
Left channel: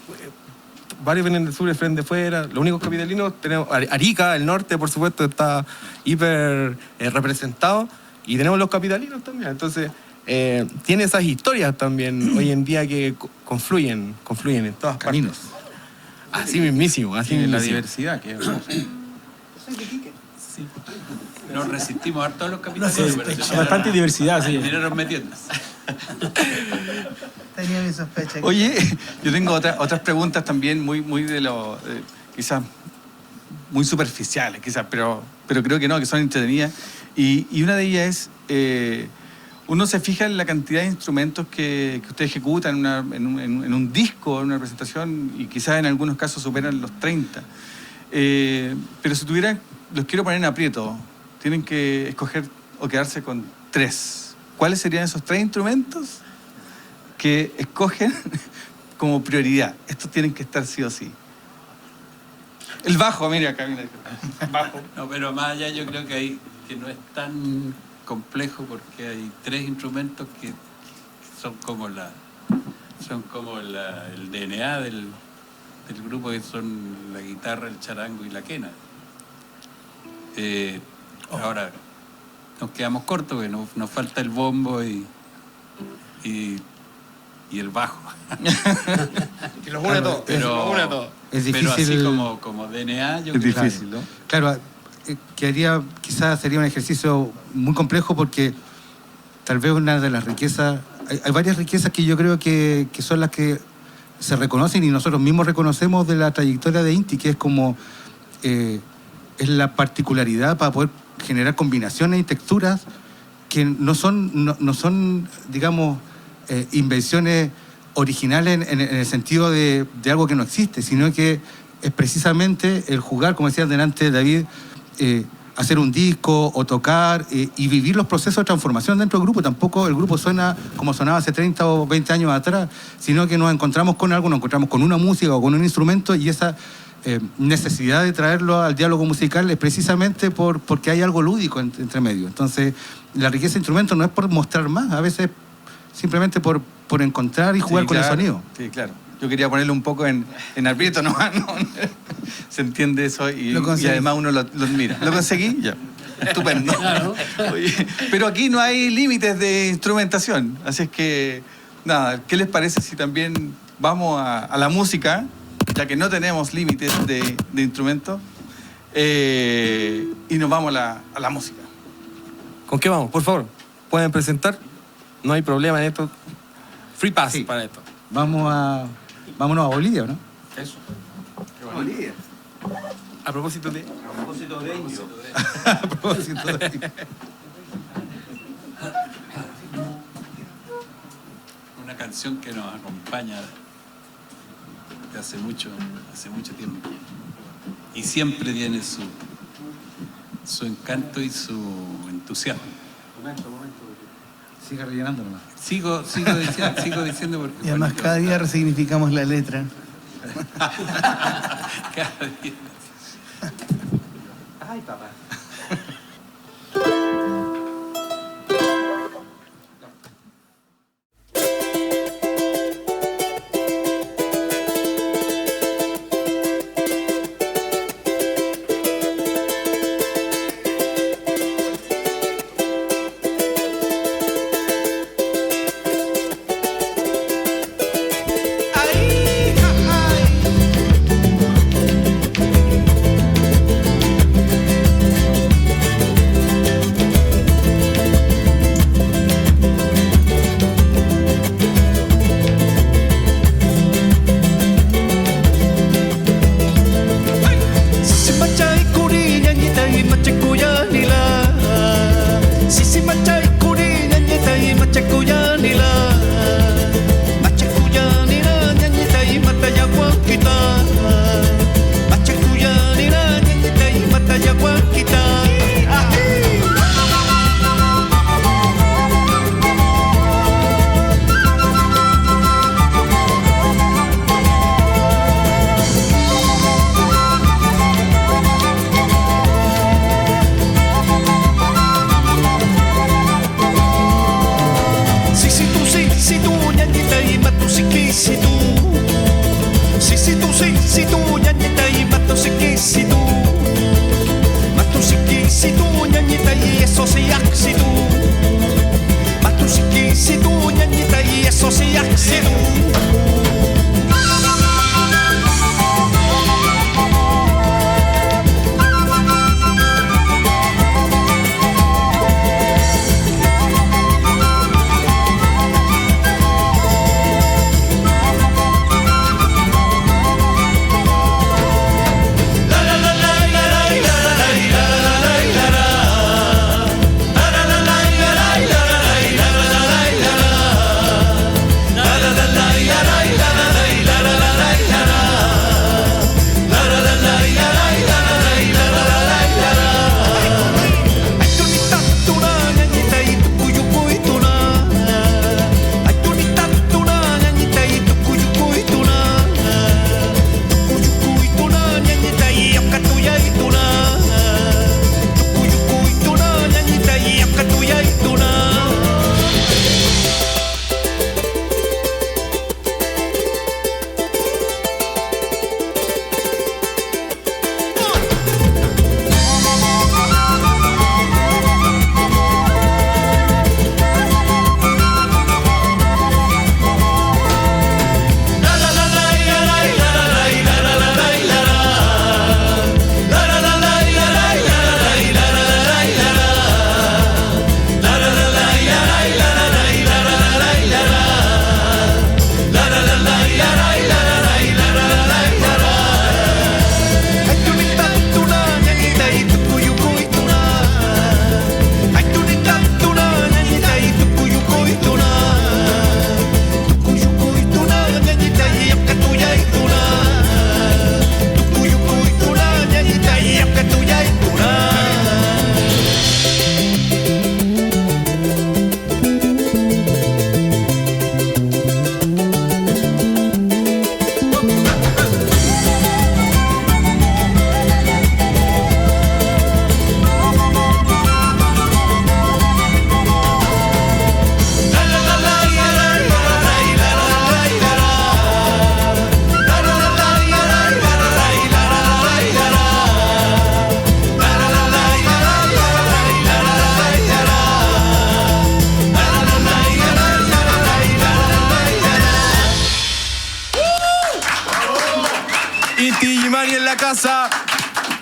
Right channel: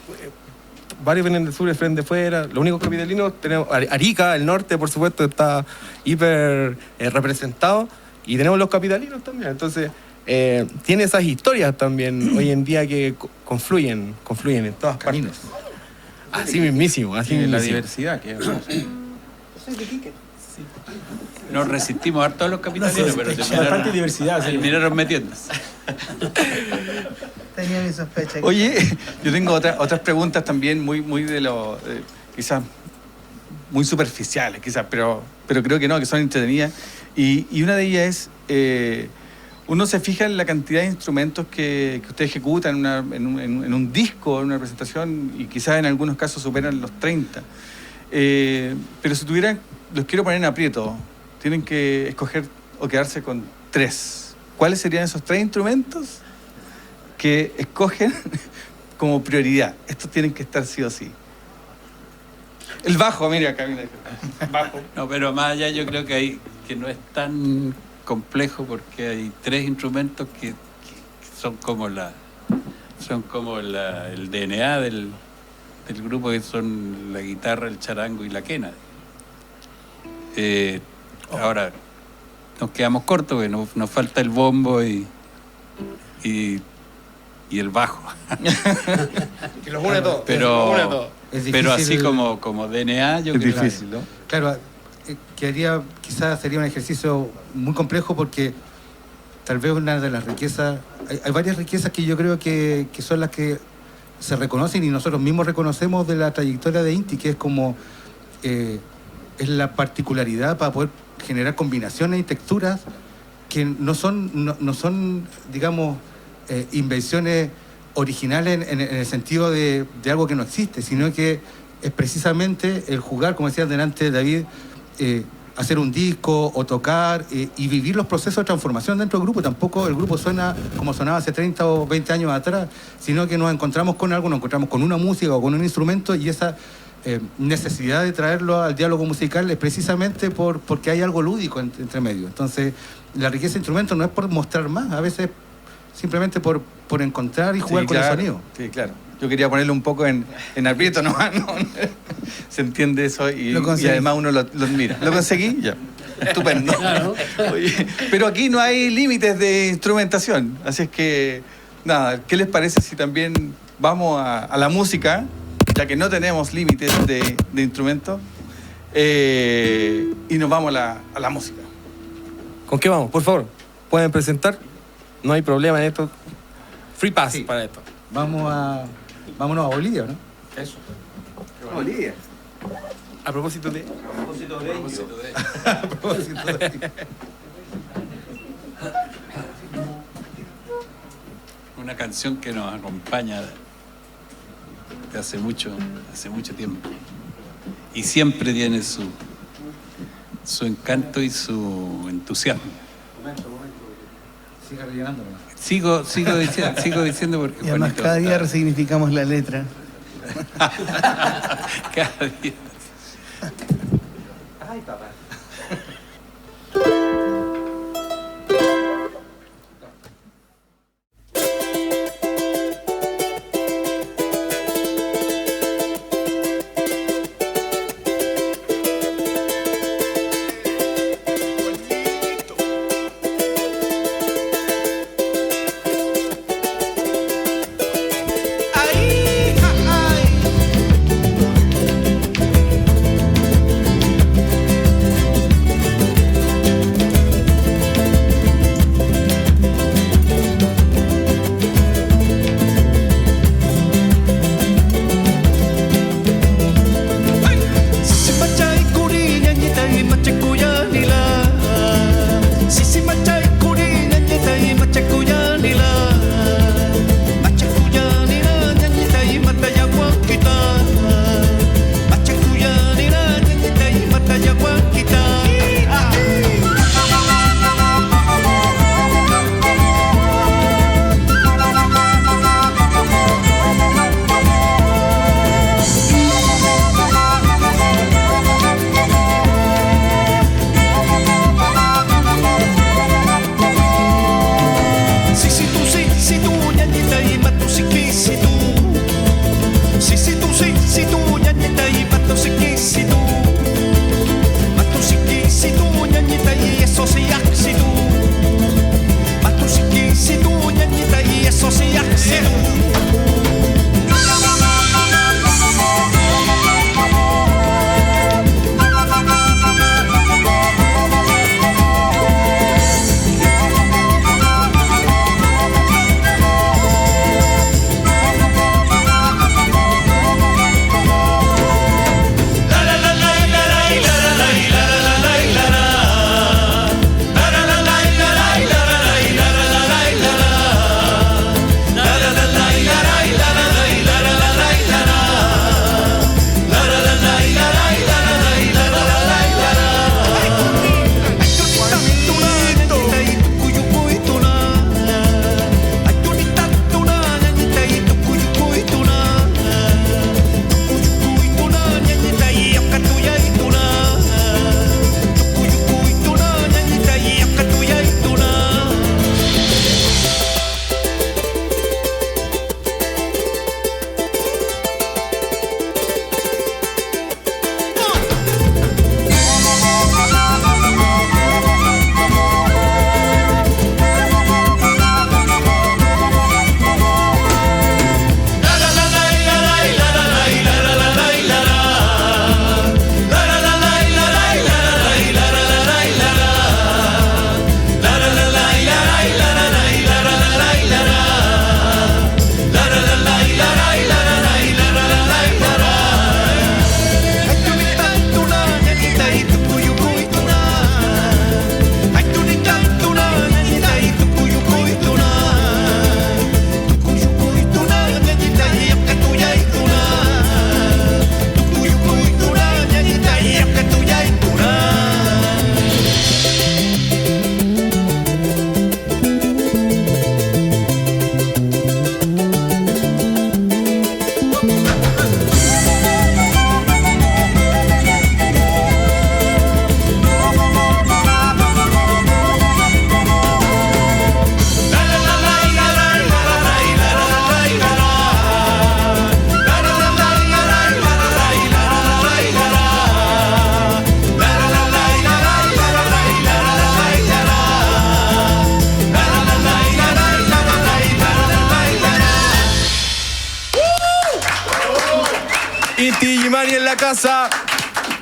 varios vienen del sur, el frente de fuera, los únicos capitalinos tenemos Arica, el norte, por supuesto, está hiper representado, y tenemos los capitalinos también, entonces tiene esas historias también hoy en día que confluyen en todas Caminos. partes. Así mismísimo, así mismísimo. La diversidad que Nos resistimos a todos los capitalinos, pero bastante diversidad, sí. terminaron metiéndose. Tenía mi sospecha. Oye, yo tengo otras preguntas también muy de lo quizás muy superficiales, quizás, pero creo que no, que son entretenidas. Y una de ellas es, uno se fija en la cantidad de instrumentos que usted ejecuta en un disco, en una presentación, y quizás en algunos casos superan los 30. Pero si tuvieran, los quiero poner en aprieto, tienen que escoger o quedarse con 3. ¿Cuáles serían esos 3 instrumentos que escogen como prioridad? Estos tienen que estar sí o sí. El bajo, mira acá, mira. Bajo. No, pero más allá yo creo que no es tan complejo, porque hay 3 instrumentos que son como el DNA del grupo, que son la guitarra, el charango y la quena. Ahora nos quedamos cortos, porque nos falta el bombo y el bajo. Que los une todos. Pero así como DNA, yo creo. Es difícil, ¿no? Claro, quizás sería un ejercicio muy complejo, porque tal vez una de las riquezas, hay varias riquezas que yo creo que son las que se reconocen y nosotros mismos reconocemos de la trayectoria de Inti, que es como es la particularidad para poder generar combinaciones y texturas que no son digamos, invenciones originales en el sentido de algo que no existe, sino que es precisamente el jugar, como decía delante David, hacer un disco o tocar y vivir los procesos de transformación dentro del grupo. Tampoco el grupo suena como sonaba hace 30 o 20 años atrás, sino que nos encontramos con algo, nos encontramos con una música o con un instrumento, y esa necesidad de traerlo al diálogo musical es precisamente porque hay algo lúdico entre medio. Entonces, la riqueza de instrumentos no es por mostrar más, a veces simplemente por encontrar y jugar con el sonido. Sí, claro. Yo quería ponerlo un poco en aprieto nomás, ¿no? Se entiende eso y además uno lo admira. ¿Lo conseguí? Ya. Estupendo. Claro. Oye, pero aquí no hay límites de instrumentación, así es que, nada, ¿qué les parece si también vamos a la música, ya que no tenemos límites de instrumentos, y nos vamos a la música? ¿Con qué vamos? Por favor, pueden presentar. No hay problema en esto. Free pass para esto. Vámonos a Bolivia, ¿no? Eso. Bolivia. A propósito de Una canción que nos acompaña de hace mucho tiempo. Y siempre tiene su encanto y su entusiasmo. Momento. Siga rellenándolo. Sigo diciendo porque... Y además cada día resignificamos la letra. Cada día. Ay, papá. eso sí actitud. Matusikisitu, ñañita, y eso sí actitud.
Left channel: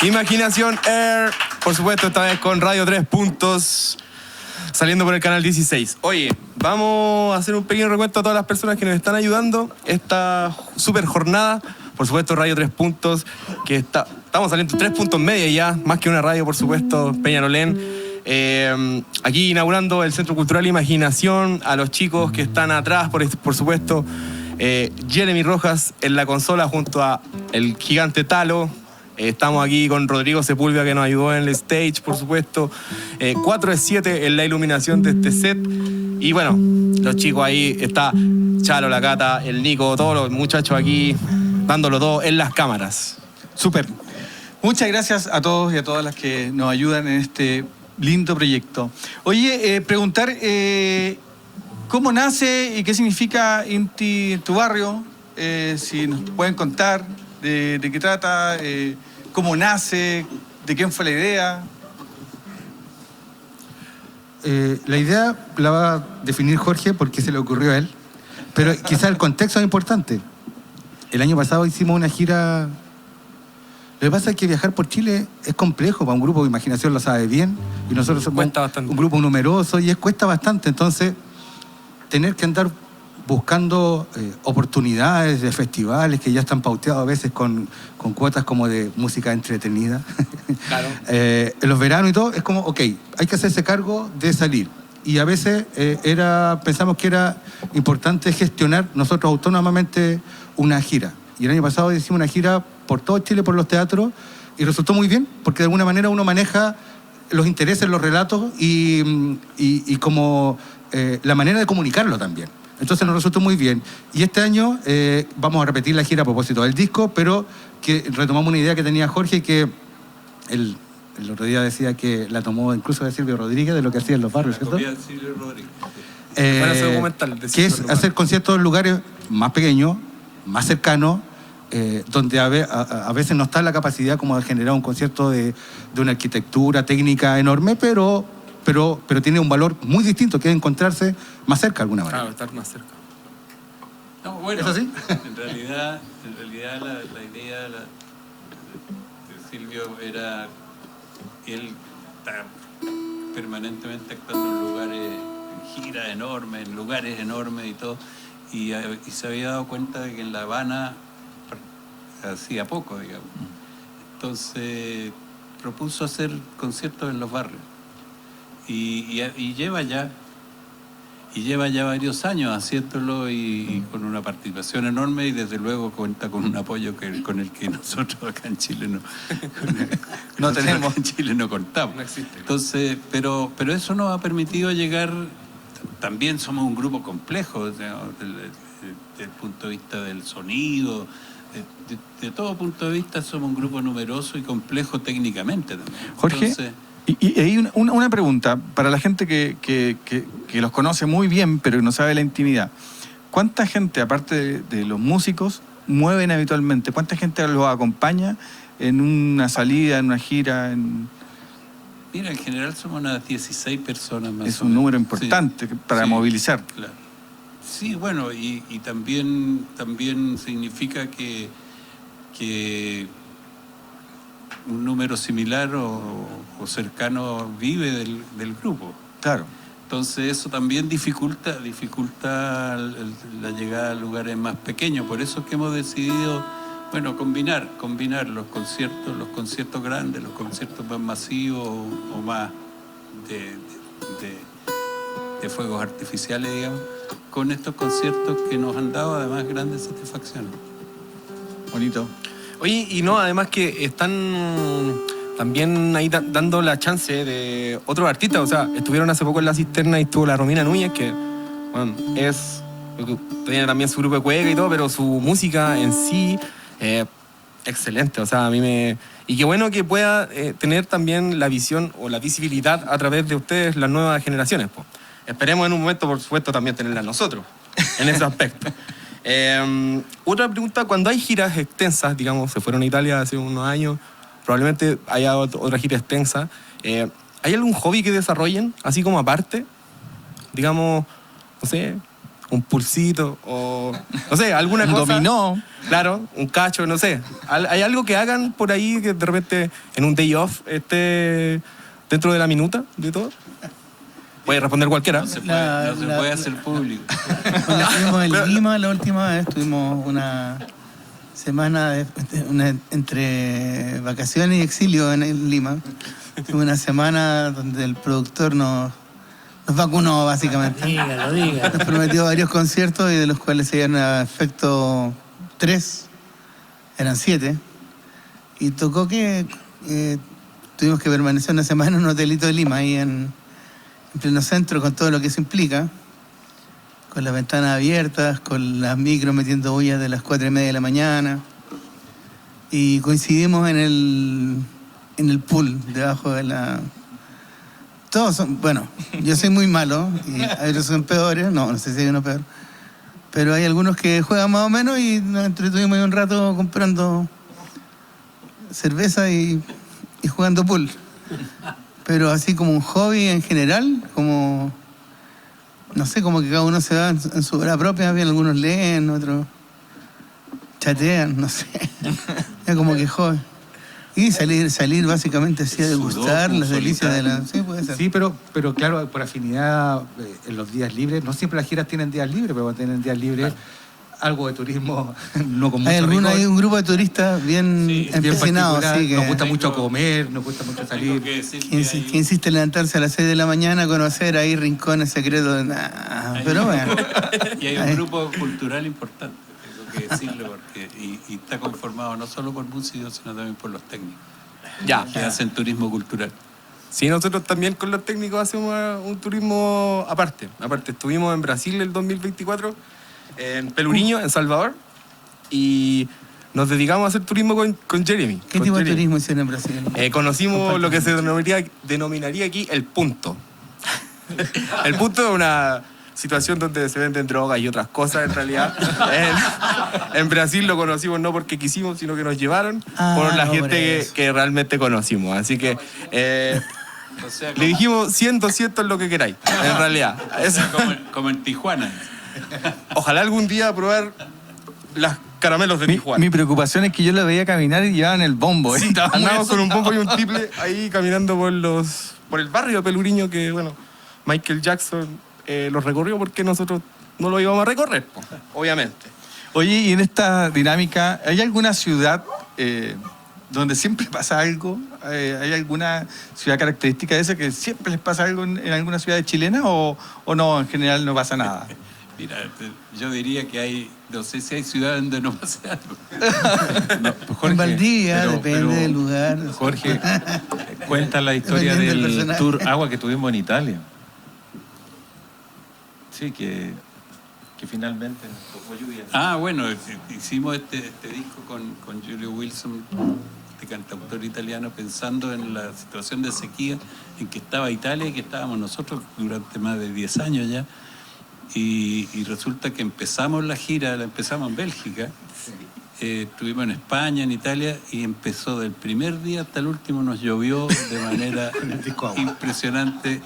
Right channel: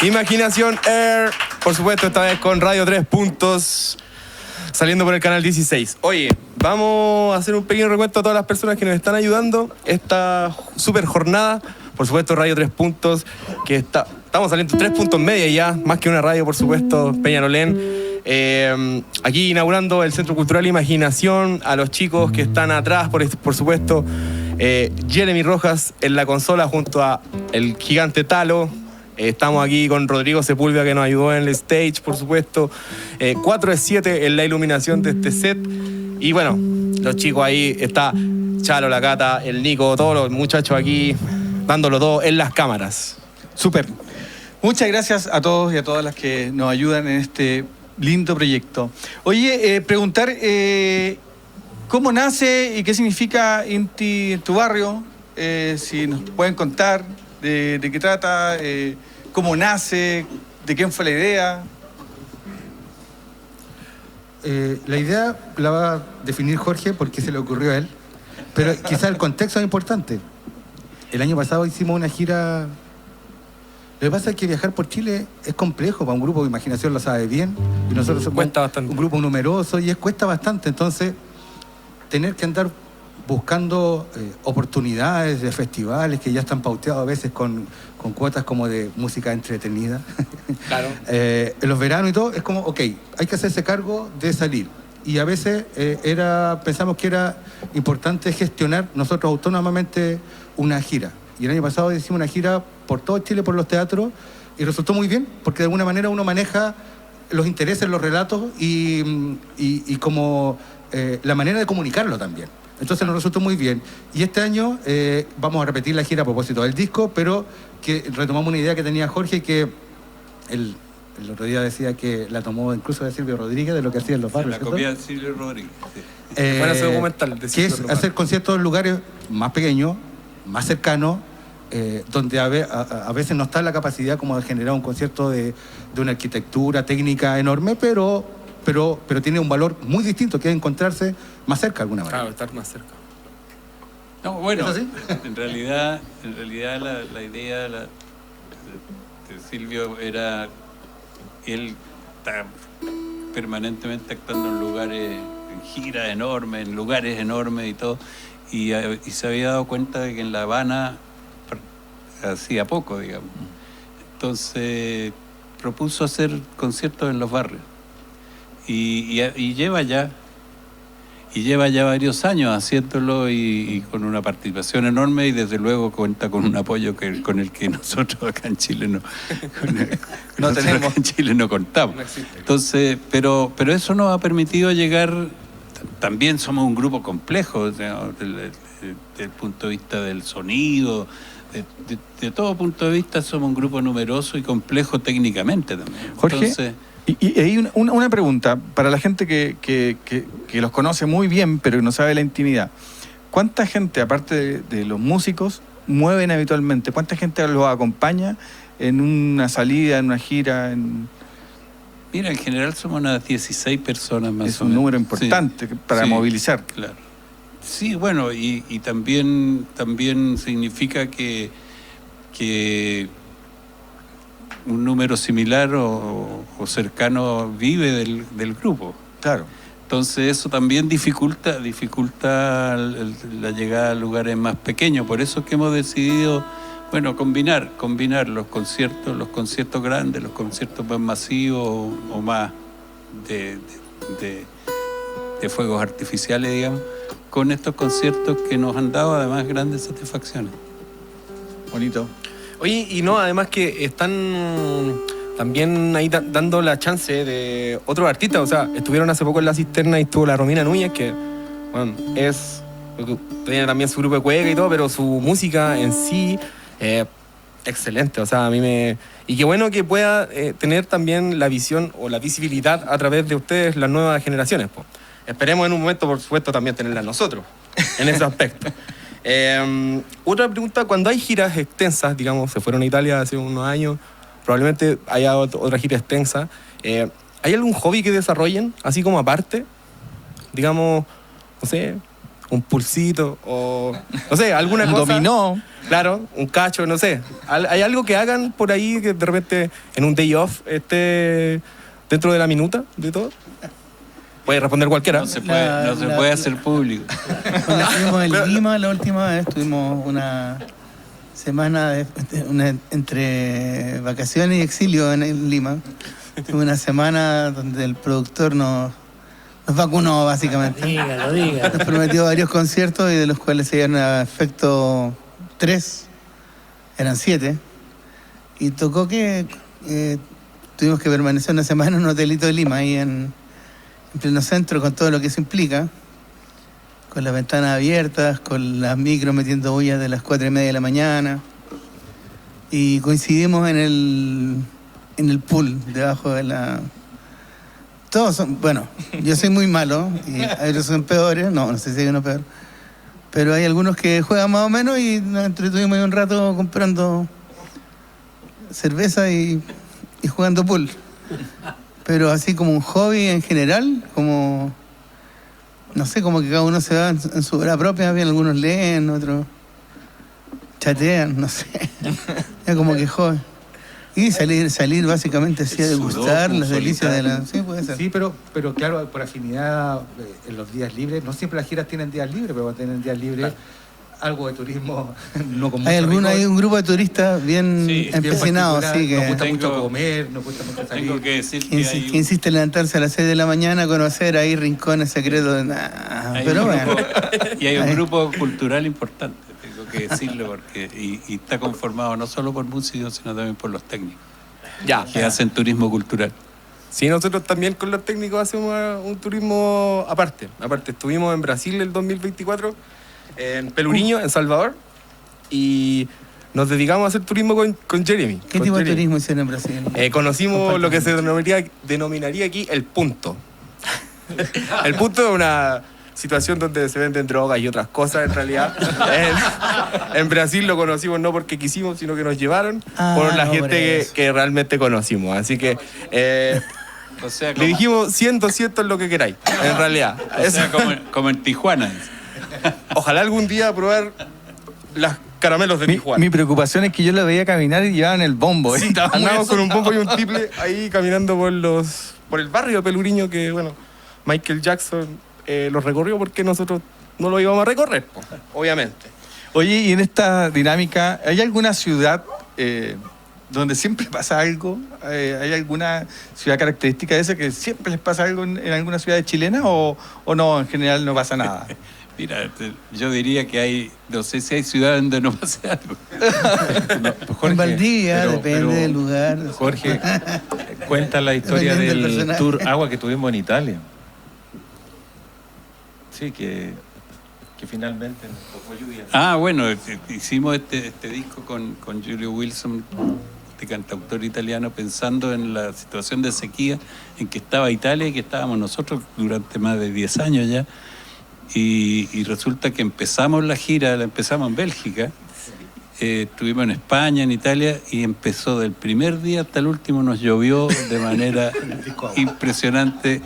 Imaginación Air, por supuesto, esta vez con Radio 3 Puntos, saliendo por el canal 16. Oye, vamos a hacer un pequeño recuento a todas las personas que nos están ayudando esta super jornada. Por supuesto, Radio 3 Puntos, que estamos saliendo 3 puntos media ya, más que una radio, por supuesto, Peñalolén. Aquí inaugurando el Centro Cultural Imaginación, a los chicos que están atrás, por supuesto, Jeremy Rojas en la consola junto a el gigante Talo. Estamos aquí con Rodrigo Sepúlveda, que nos ayudó en el stage, por supuesto. 4 de 7 en la iluminación de este set. Y bueno, los chicos ahí, está Chalo, la Cata, el Nico, todos los muchachos aquí dándolo todo en las cámaras. Súper. Muchas gracias a todos y a todas las que nos ayudan en este lindo proyecto. Oye, preguntar cómo nace y qué significa Inti en tu barrio. Si nos pueden contar de qué trata, cómo nace, de quién fue la idea. La idea la va a definir Jorge porque se le ocurrió a él, pero quizás el contexto es importante. El año pasado hicimos una gira. Lo que pasa es que viajar por Chile es complejo, para un grupo de imaginación lo sabe bien, y nosotros somos un grupo numeroso y cuesta bastante, entonces tener que andar buscando oportunidades de festivales que ya están pauteados a veces con cuotas como de música entretenida. Claro. En los veranos y todo, es como, ok, hay que hacerse cargo de salir. Y a veces pensamos que era importante gestionar nosotros autónomamente una gira. Y el año pasado hicimos una gira por todo Chile, por los teatros, y resultó muy bien, porque de alguna manera uno maneja los intereses, los relatos y como la manera de comunicarlo también. Entonces nos resultó muy bien. Y este año vamos a repetir la gira a propósito del disco, pero que retomamos una idea que tenía Jorge, que el otro día decía que la tomó incluso de Silvio Rodríguez, de lo que hacía en los barrios. La copia de Silvio Rodríguez. Que es hacer conciertos en lugares más pequeños, más cercanos, donde a veces no está la capacidad como de generar un concierto de una arquitectura técnica enorme, pero pero tiene un valor muy distinto, que es encontrarse más cerca de alguna manera. Claro, estar más cerca. No, bueno, ¿Es así? en realidad la idea de Silvio era, él está permanentemente actuando en lugares, en giras enormes, en lugares enormes y todo, y se había dado cuenta de que en La Habana hacía poco, digamos. Entonces propuso hacer conciertos en los barrios y lleva ya varios años haciéndolo y con una participación enorme, y desde luego cuenta con un apoyo con el que nosotros acá en Chile no contamos. Entonces, pero eso nos ha permitido llegar. También somos un grupo complejo, o sea, desde el punto de vista del sonido, de todo punto de vista somos un grupo numeroso y complejo técnicamente también. Jorge, entonces, y hay una pregunta para la gente que los conoce muy bien, pero no sabe la intimidad. ¿Cuánta gente, aparte de los músicos, mueven habitualmente? ¿Cuánta gente los acompaña en una salida, en una gira? Mira, en general somos unas 16 personas más. Es un número importante para movilizar. Claro. Sí, bueno, y también significa que un número similar o cercano vive del grupo. Claro. Entonces eso también dificulta la llegada a lugares más pequeños. Por eso es que hemos decidido, bueno, combinar los conciertos grandes, los conciertos más masivos o más de fuegos artificiales, digamos, con estos conciertos que nos han dado además grandes satisfacciones. Bonito. Oye, y no, además que están también ahí dando la chance de otros artistas. O sea, estuvieron hace poco en La Cisterna y estuvo la Romina Núñez, que bueno, tiene también su grupo de cueca y todo, pero su música en sí, excelente. O sea, y qué bueno que pueda tener también la visión o la visibilidad a través de ustedes, las nuevas generaciones, pues. Esperemos en un momento, por supuesto, también tenerla nosotros en ese aspecto. Otra pregunta: cuando hay giras extensas, digamos, se fueron a Italia hace unos años, probablemente haya otra gira extensa, ¿hay algún hobby que desarrollen, así como aparte? Digamos, no sé, un pulsito o, no sé, alguna cosa. Un dominó. Claro, un cacho, no sé. ¿Hay algo que hagan por ahí que de repente en un day off esté dentro de la minuta de todo? Puede responder cualquiera. No se puede hacer público. Cuando estuvimos en Lima la última vez, tuvimos una semana entre vacaciones y exilio en Lima. Tuvimos una semana donde el productor nos vacunó, básicamente. Dígalo. Nos prometió varios conciertos y de los cuales se dieron a efecto 3, eran 7. Y tocó que tuvimos que permanecer una semana en un hotelito de Lima, ahí en pleno centro, con todo lo que eso implica, con las ventanas abiertas, con las micros metiendo bullas de las 4:30 de la mañana, y coincidimos en el pool debajo de la... Todos son, bueno, yo soy muy malo y otros son peores, no sé si hay uno peor, pero hay algunos que juegan más o menos y nos entretuvimos ahí un rato comprando cerveza y jugando pool. Pero así como un hobby en general, como, no sé, como que cada uno se va en su hora propia, bien, algunos leen, otros chatean, no sé. Es como que hobby. Y salir básicamente así a degustar las delicias de la... Sí, puede ser. Sí, pero claro, por afinidad en los días libres, no siempre las giras tienen días libres, pero tienen días libres, algo de turismo, no con mucho hay un grupo de turistas bien empecinados, sí, que nos gusta mucho comer, nos gusta mucho salir. Tengo que decir que insiste en levantarse a las 6 de la mañana, conocer ahí rincones secretos. Pero bueno. Y hay un grupo cultural importante, tengo que decirlo, porque y está conformado no solo por músicos, sino también por los técnicos, que hacen turismo cultural. Sí, nosotros también con los técnicos hacemos un turismo aparte. Estuvimos en Brasil el 2024, en Peluriño, en Salvador, y nos dedicamos a hacer turismo con Jeremy. ¿Qué tipo de turismo hicieron en Brasil? Conocimos lo que se denominaría aquí el punto. El punto es una situación donde se venden drogas y otras cosas, en realidad. En Brasil lo conocimos no porque quisimos, sino que nos llevaron por la gente que realmente conocimos. Así que O sea, Le dijimos 100, 200 lo que queráis, en realidad. O sea, como en Tijuana. Ojalá algún día probar las caramelos de Tijuana. Mi preocupación es que yo la veía caminar y llevaban el bombo. Sí, andábamos con un bombo y un triple ahí caminando por el barrio de Peluriño que, bueno, Michael Jackson los recorrió porque nosotros no lo íbamos a recorrer, obviamente. Oye, y en esta dinámica, ¿hay alguna ciudad donde siempre pasa algo? ¿Hay alguna ciudad característica de esa que siempre les pasa algo en alguna ciudad chilena o no, en general no pasa nada? Mira, yo diría que no sé si hay ciudades donde no pase algo. No, Jorge, en Valdivia, pero depende del lugar. Jorge, cuenta la historia Dependiendo del del personaje. tour agua que tuvimos en Italia. Sí, que finalmente tocó lluvia. Ah, bueno, hicimos este disco con Julio Wilson, este cantautor italiano, pensando en la situación de sequía en que estaba Italia y que estábamos nosotros durante más de 10 años ya. Y resulta que empezamos la gira, la empezamos en Bélgica, estuvimos en España, en Italia, y empezó del primer día hasta el último, nos llovió de manera impresionante.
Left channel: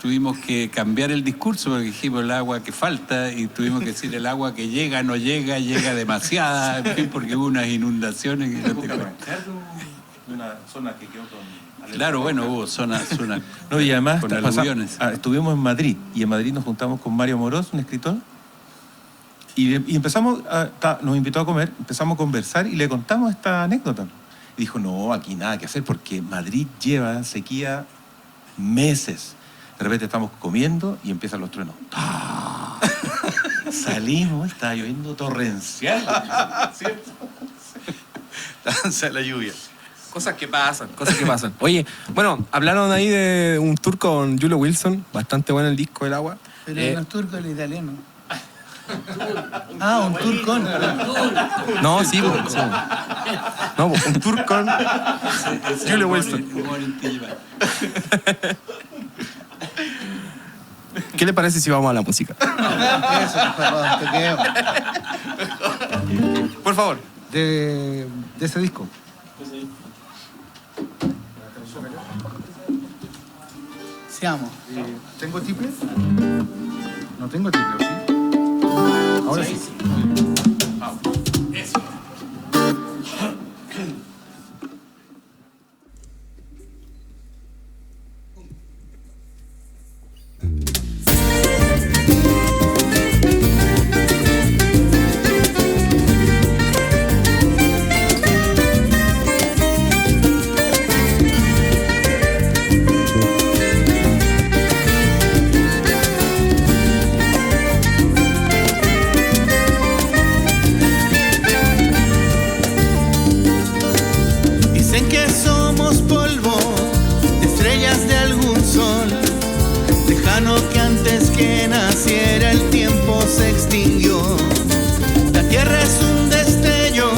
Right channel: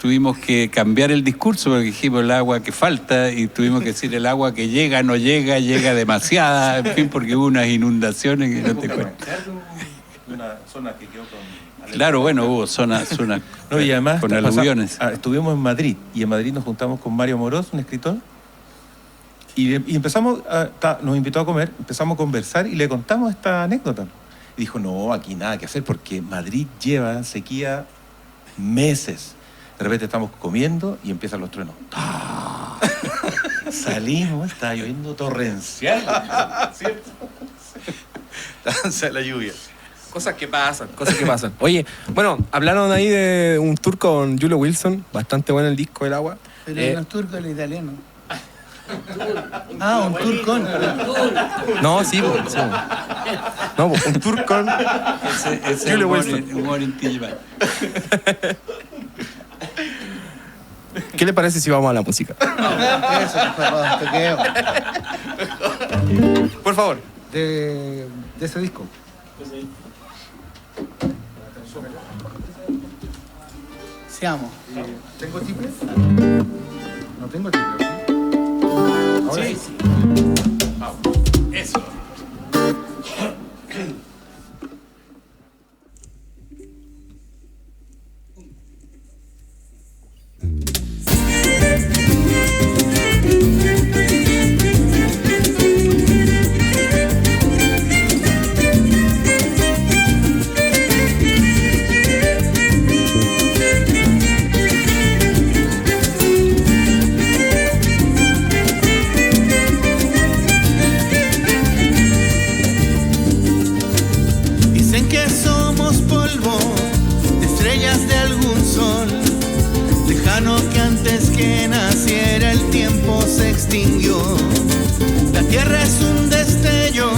Tuvimos que cambiar el discurso porque dijimos el agua que falta y tuvimos que decir el agua que llega, no llega, llega demasiada, en fin, porque hubo unas inundaciones que no te cuento. Una zona que quedó con... Claro, bueno, hubo zonas No, y además con aluviones. estuvimos en Madrid y en Madrid nos juntamos con Mario Moroz, un escritor, y empezamos, nos invitó a comer, empezamos a conversar y le contamos esta anécdota. Y dijo, no, aquí nada que hacer porque Madrid lleva sequía meses. De repente estamos comiendo y empiezan los truenos. Salimos, está lloviendo torrencial. ¿Cierto? Danza de la lluvia. Cosas que pasan. Oye, bueno, hablaron ahí de un tour con Julio Wilson, bastante bueno el disco del agua. Pero los turcos, el italiano. Ah, un tour con. No, sí, sí. No, un tour con Ese Julio humor, Wilson. humor intimista. ¿Qué le parece si vamos a la música? Eso, por favor, te quedo. Por favor. De ese disco. Seamos. ¿Tengo triple? No tengo triple, ¿sí? Ahora sí. Eso. Dicen que somos polvo, estrellas de algún sol lejano que antes que naciera el tiempo se extinguió. La tierra es un destello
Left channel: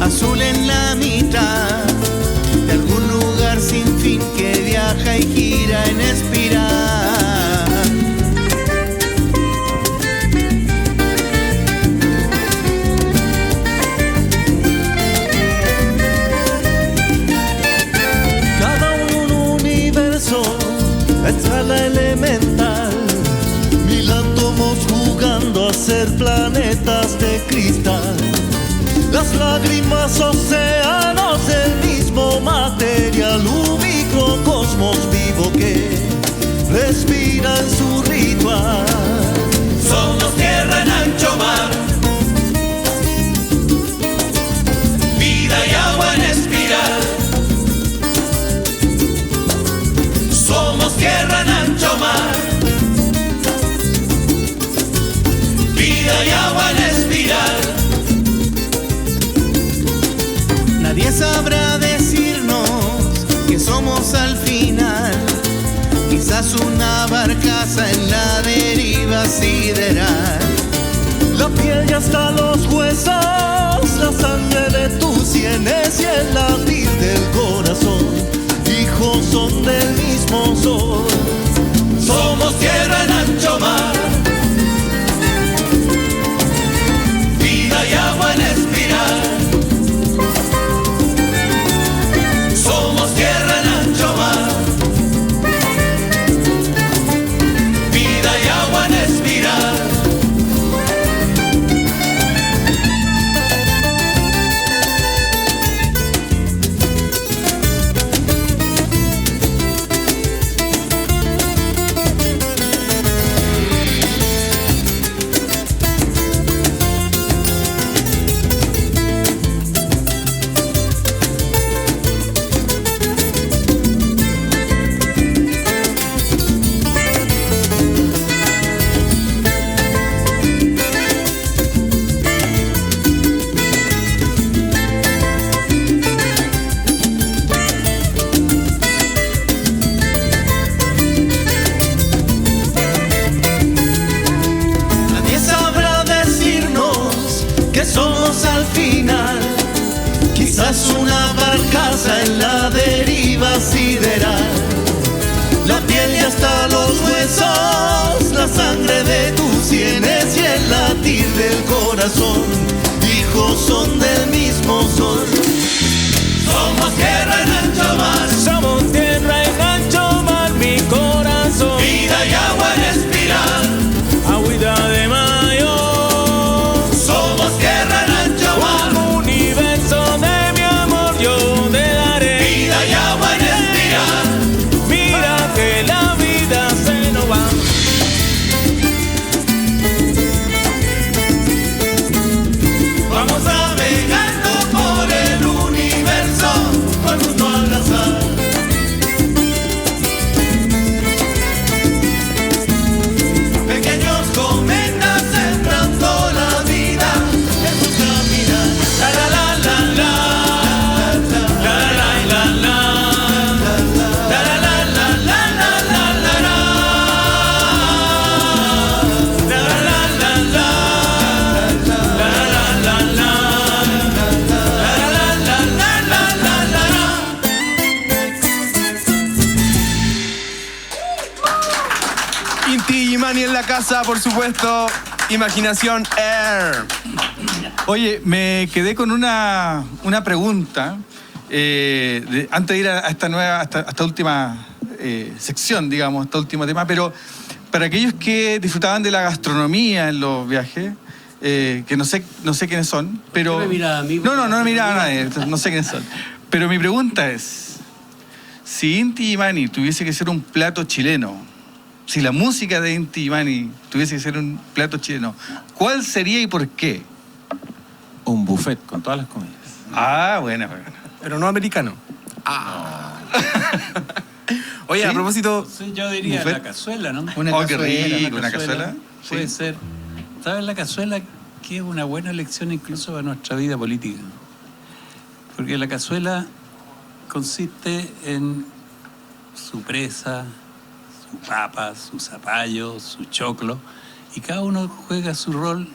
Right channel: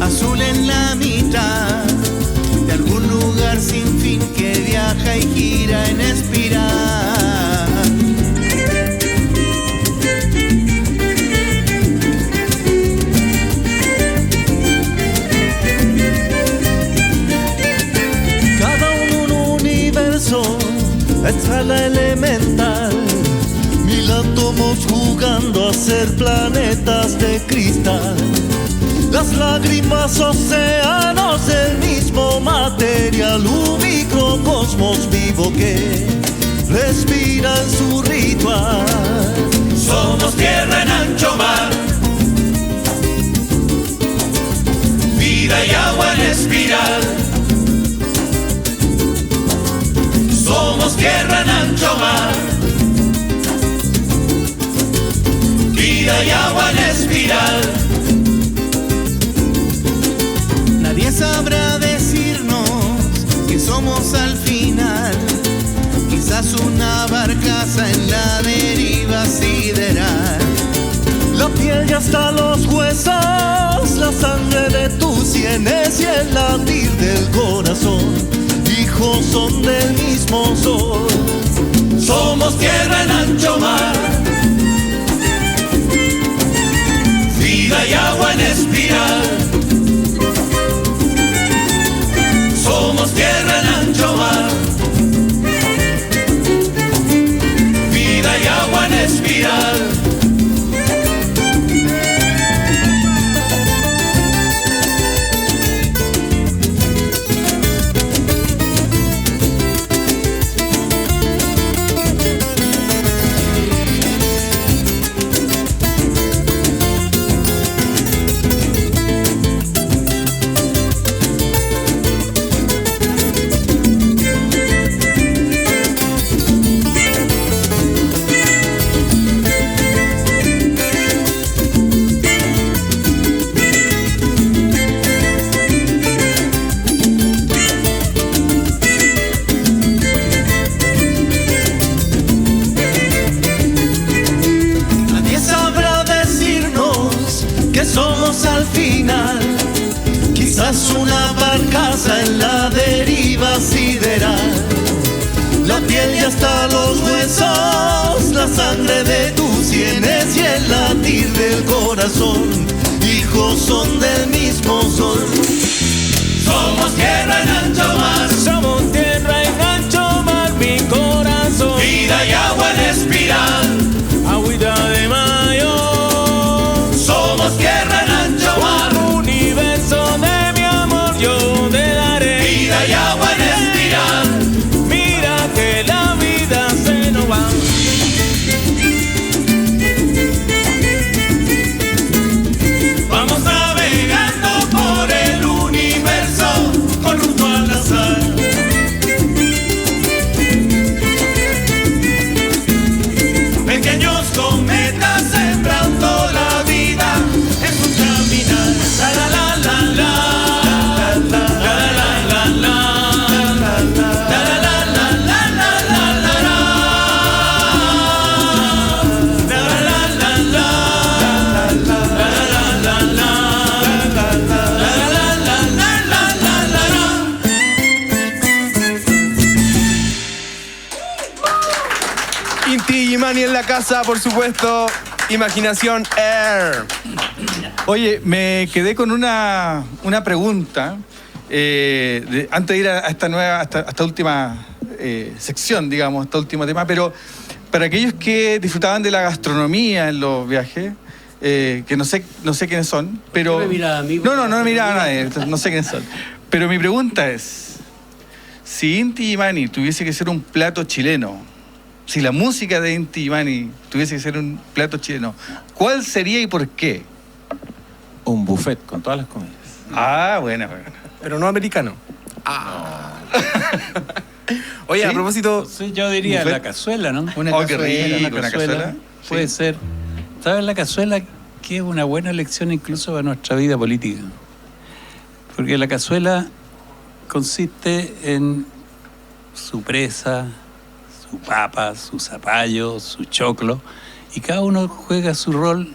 azul en la mitad de algún lugar sin fin que viaja y gira en espiral. Escala elemental, 1000 átomos jugando a ser planetas de cristal. Las lágrimas, océanos del mismo material, un microcosmos vivo que respira en su ritual. Somos tierra en ancho mar, vida y agua en espiral. Somos tierra en ancho mar, vida y agua en espiral. Nadie sabrá decirnos que somos al final, quizás una barcaza en la deriva sideral. La piel y hasta los huesos, la sangre de tus sienes y el latir del corazón, hijos son del mismo sol. Somos tierra en ancho mar, vida y agua en espiral. Somos tierra en ancho mar, final. Quizás una barcaza en la deriva sideral. La piel y hasta los huesos, la sangre de tus sienes y el latir del corazón. Hijos son del mismo sol. Somos tierra en ancho mar. Somos tierra en ancho mar, mi corazón. Vida y agua en espiral. Agüita de mayo. Somos tierra en ancho mar. Un universo de mi amor yo te daré. Vida y agua en espiral. Mira que la vida se nos va. Vamos navegando por el universo con rumbo al azar. Pequeños cometas sembrando la vida en su caminar. La la la la la, la la la la, la la la la la la la la, la la la la, la la la la. Inti Illimani en la casa, por supuesto. Imaginación Air. Oye, me quedé con una pregunta antes de ir a esta última sección, digamos, este último tema, pero para aquellos que disfrutaban de la gastronomía en los viajes, que no sé quiénes son, pero... ¿Qué me miraba a mí? No me miraba a nadie, no sé quiénes son. Pero mi pregunta es, si Inti Illimani tuviese que ser un plato chileno, si la música de Inti Illimani tuviese que ser un plato chileno, ¿cuál sería y por qué? Un buffet con todas las comidas. Ah, bueno. Pero no americano. Oye, a propósito... Sí, yo diría la cazuela, ¿no? Una cazuela, Una cazuela. Puede ser. ¿Sabes la cazuela? Que es una buena lección incluso para nuestra vida política. Porque la cazuela consiste en su presa, su papa, su zapallo, su choclo, y cada uno juega su rol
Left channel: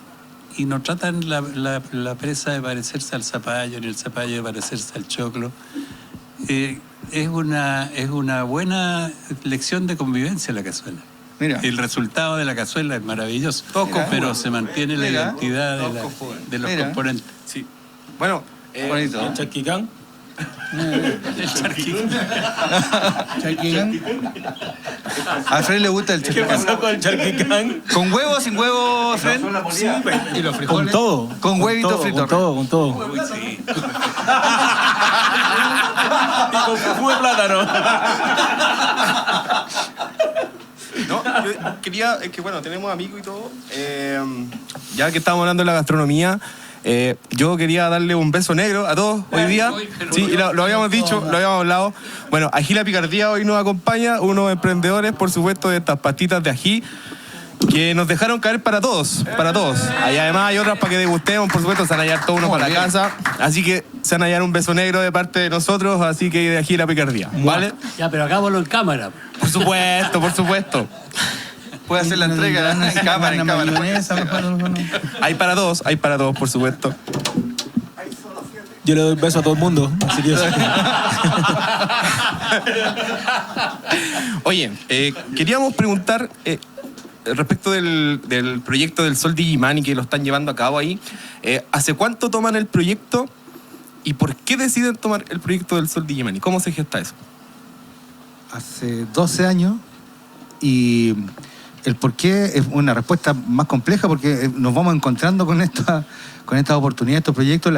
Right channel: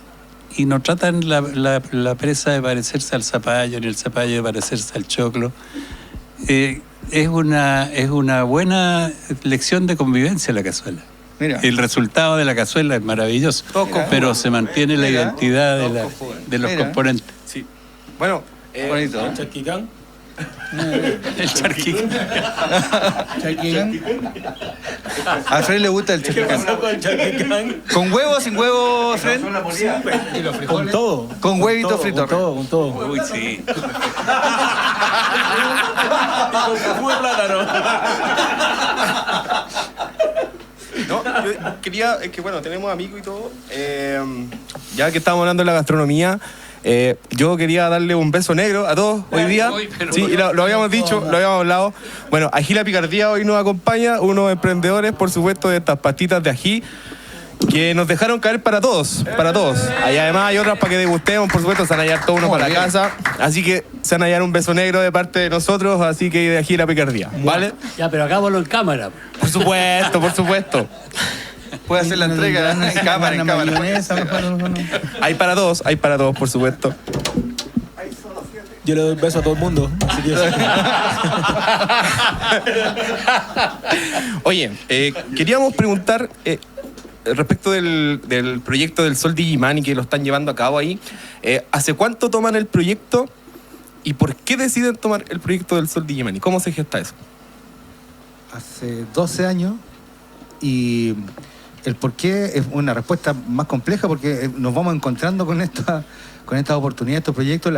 y no tratan la presa de parecerse al zapallo, ni el zapallo de parecerse al choclo. Es una buena lección de convivencia la cazuela. Mira. El resultado de la cazuela es maravilloso, pero se mantiene la identidad de los componentes. Sí. Bueno, bonito. El charquicán. El charquicán. A Fred le gusta el ¿Qué charquicán. pasó con el charquicán? ¿Con huevo o sin huevo, Fred? Y los frijoles. Con todo. Con huevito frito. Con todo. Uy, sí. Y con su jugo de plátano. No, yo quería, es que bueno, tenemos amigos y todo. Ya que estamos hablando de la gastronomía, yo quería darle un beso negro a todos hoy día. Sí, y lo habíamos dicho, lo habíamos hablado. Bueno, Ají La Picardía hoy nos acompaña, unos emprendedores, por supuesto, de estas patitas de ají, que nos dejaron caer para todos. Ahí además hay otras para que degustemos, por supuesto, se van a hallar todos uno para la casa. Así que se van a hallar un beso negro de parte de nosotros, así que de Ají La Picardía, ¿vale? Ya, pero hagámoslo en cámara. Por supuesto. Puede hacer la entrega en cámara. Hay para dos, por supuesto. Yo le doy un beso a todo el mundo. Así que Oye, queríamos preguntar respecto del proyecto del Sol de Illimani que lo están llevando a cabo ahí. ¿Hace cuánto toman el proyecto y por qué deciden tomar el proyecto del Sol de Illimani? ¿Cómo se gesta eso? Hace 12 años y el por qué es una respuesta más compleja porque nos vamos encontrando con estas oportunidades, estos proyectos.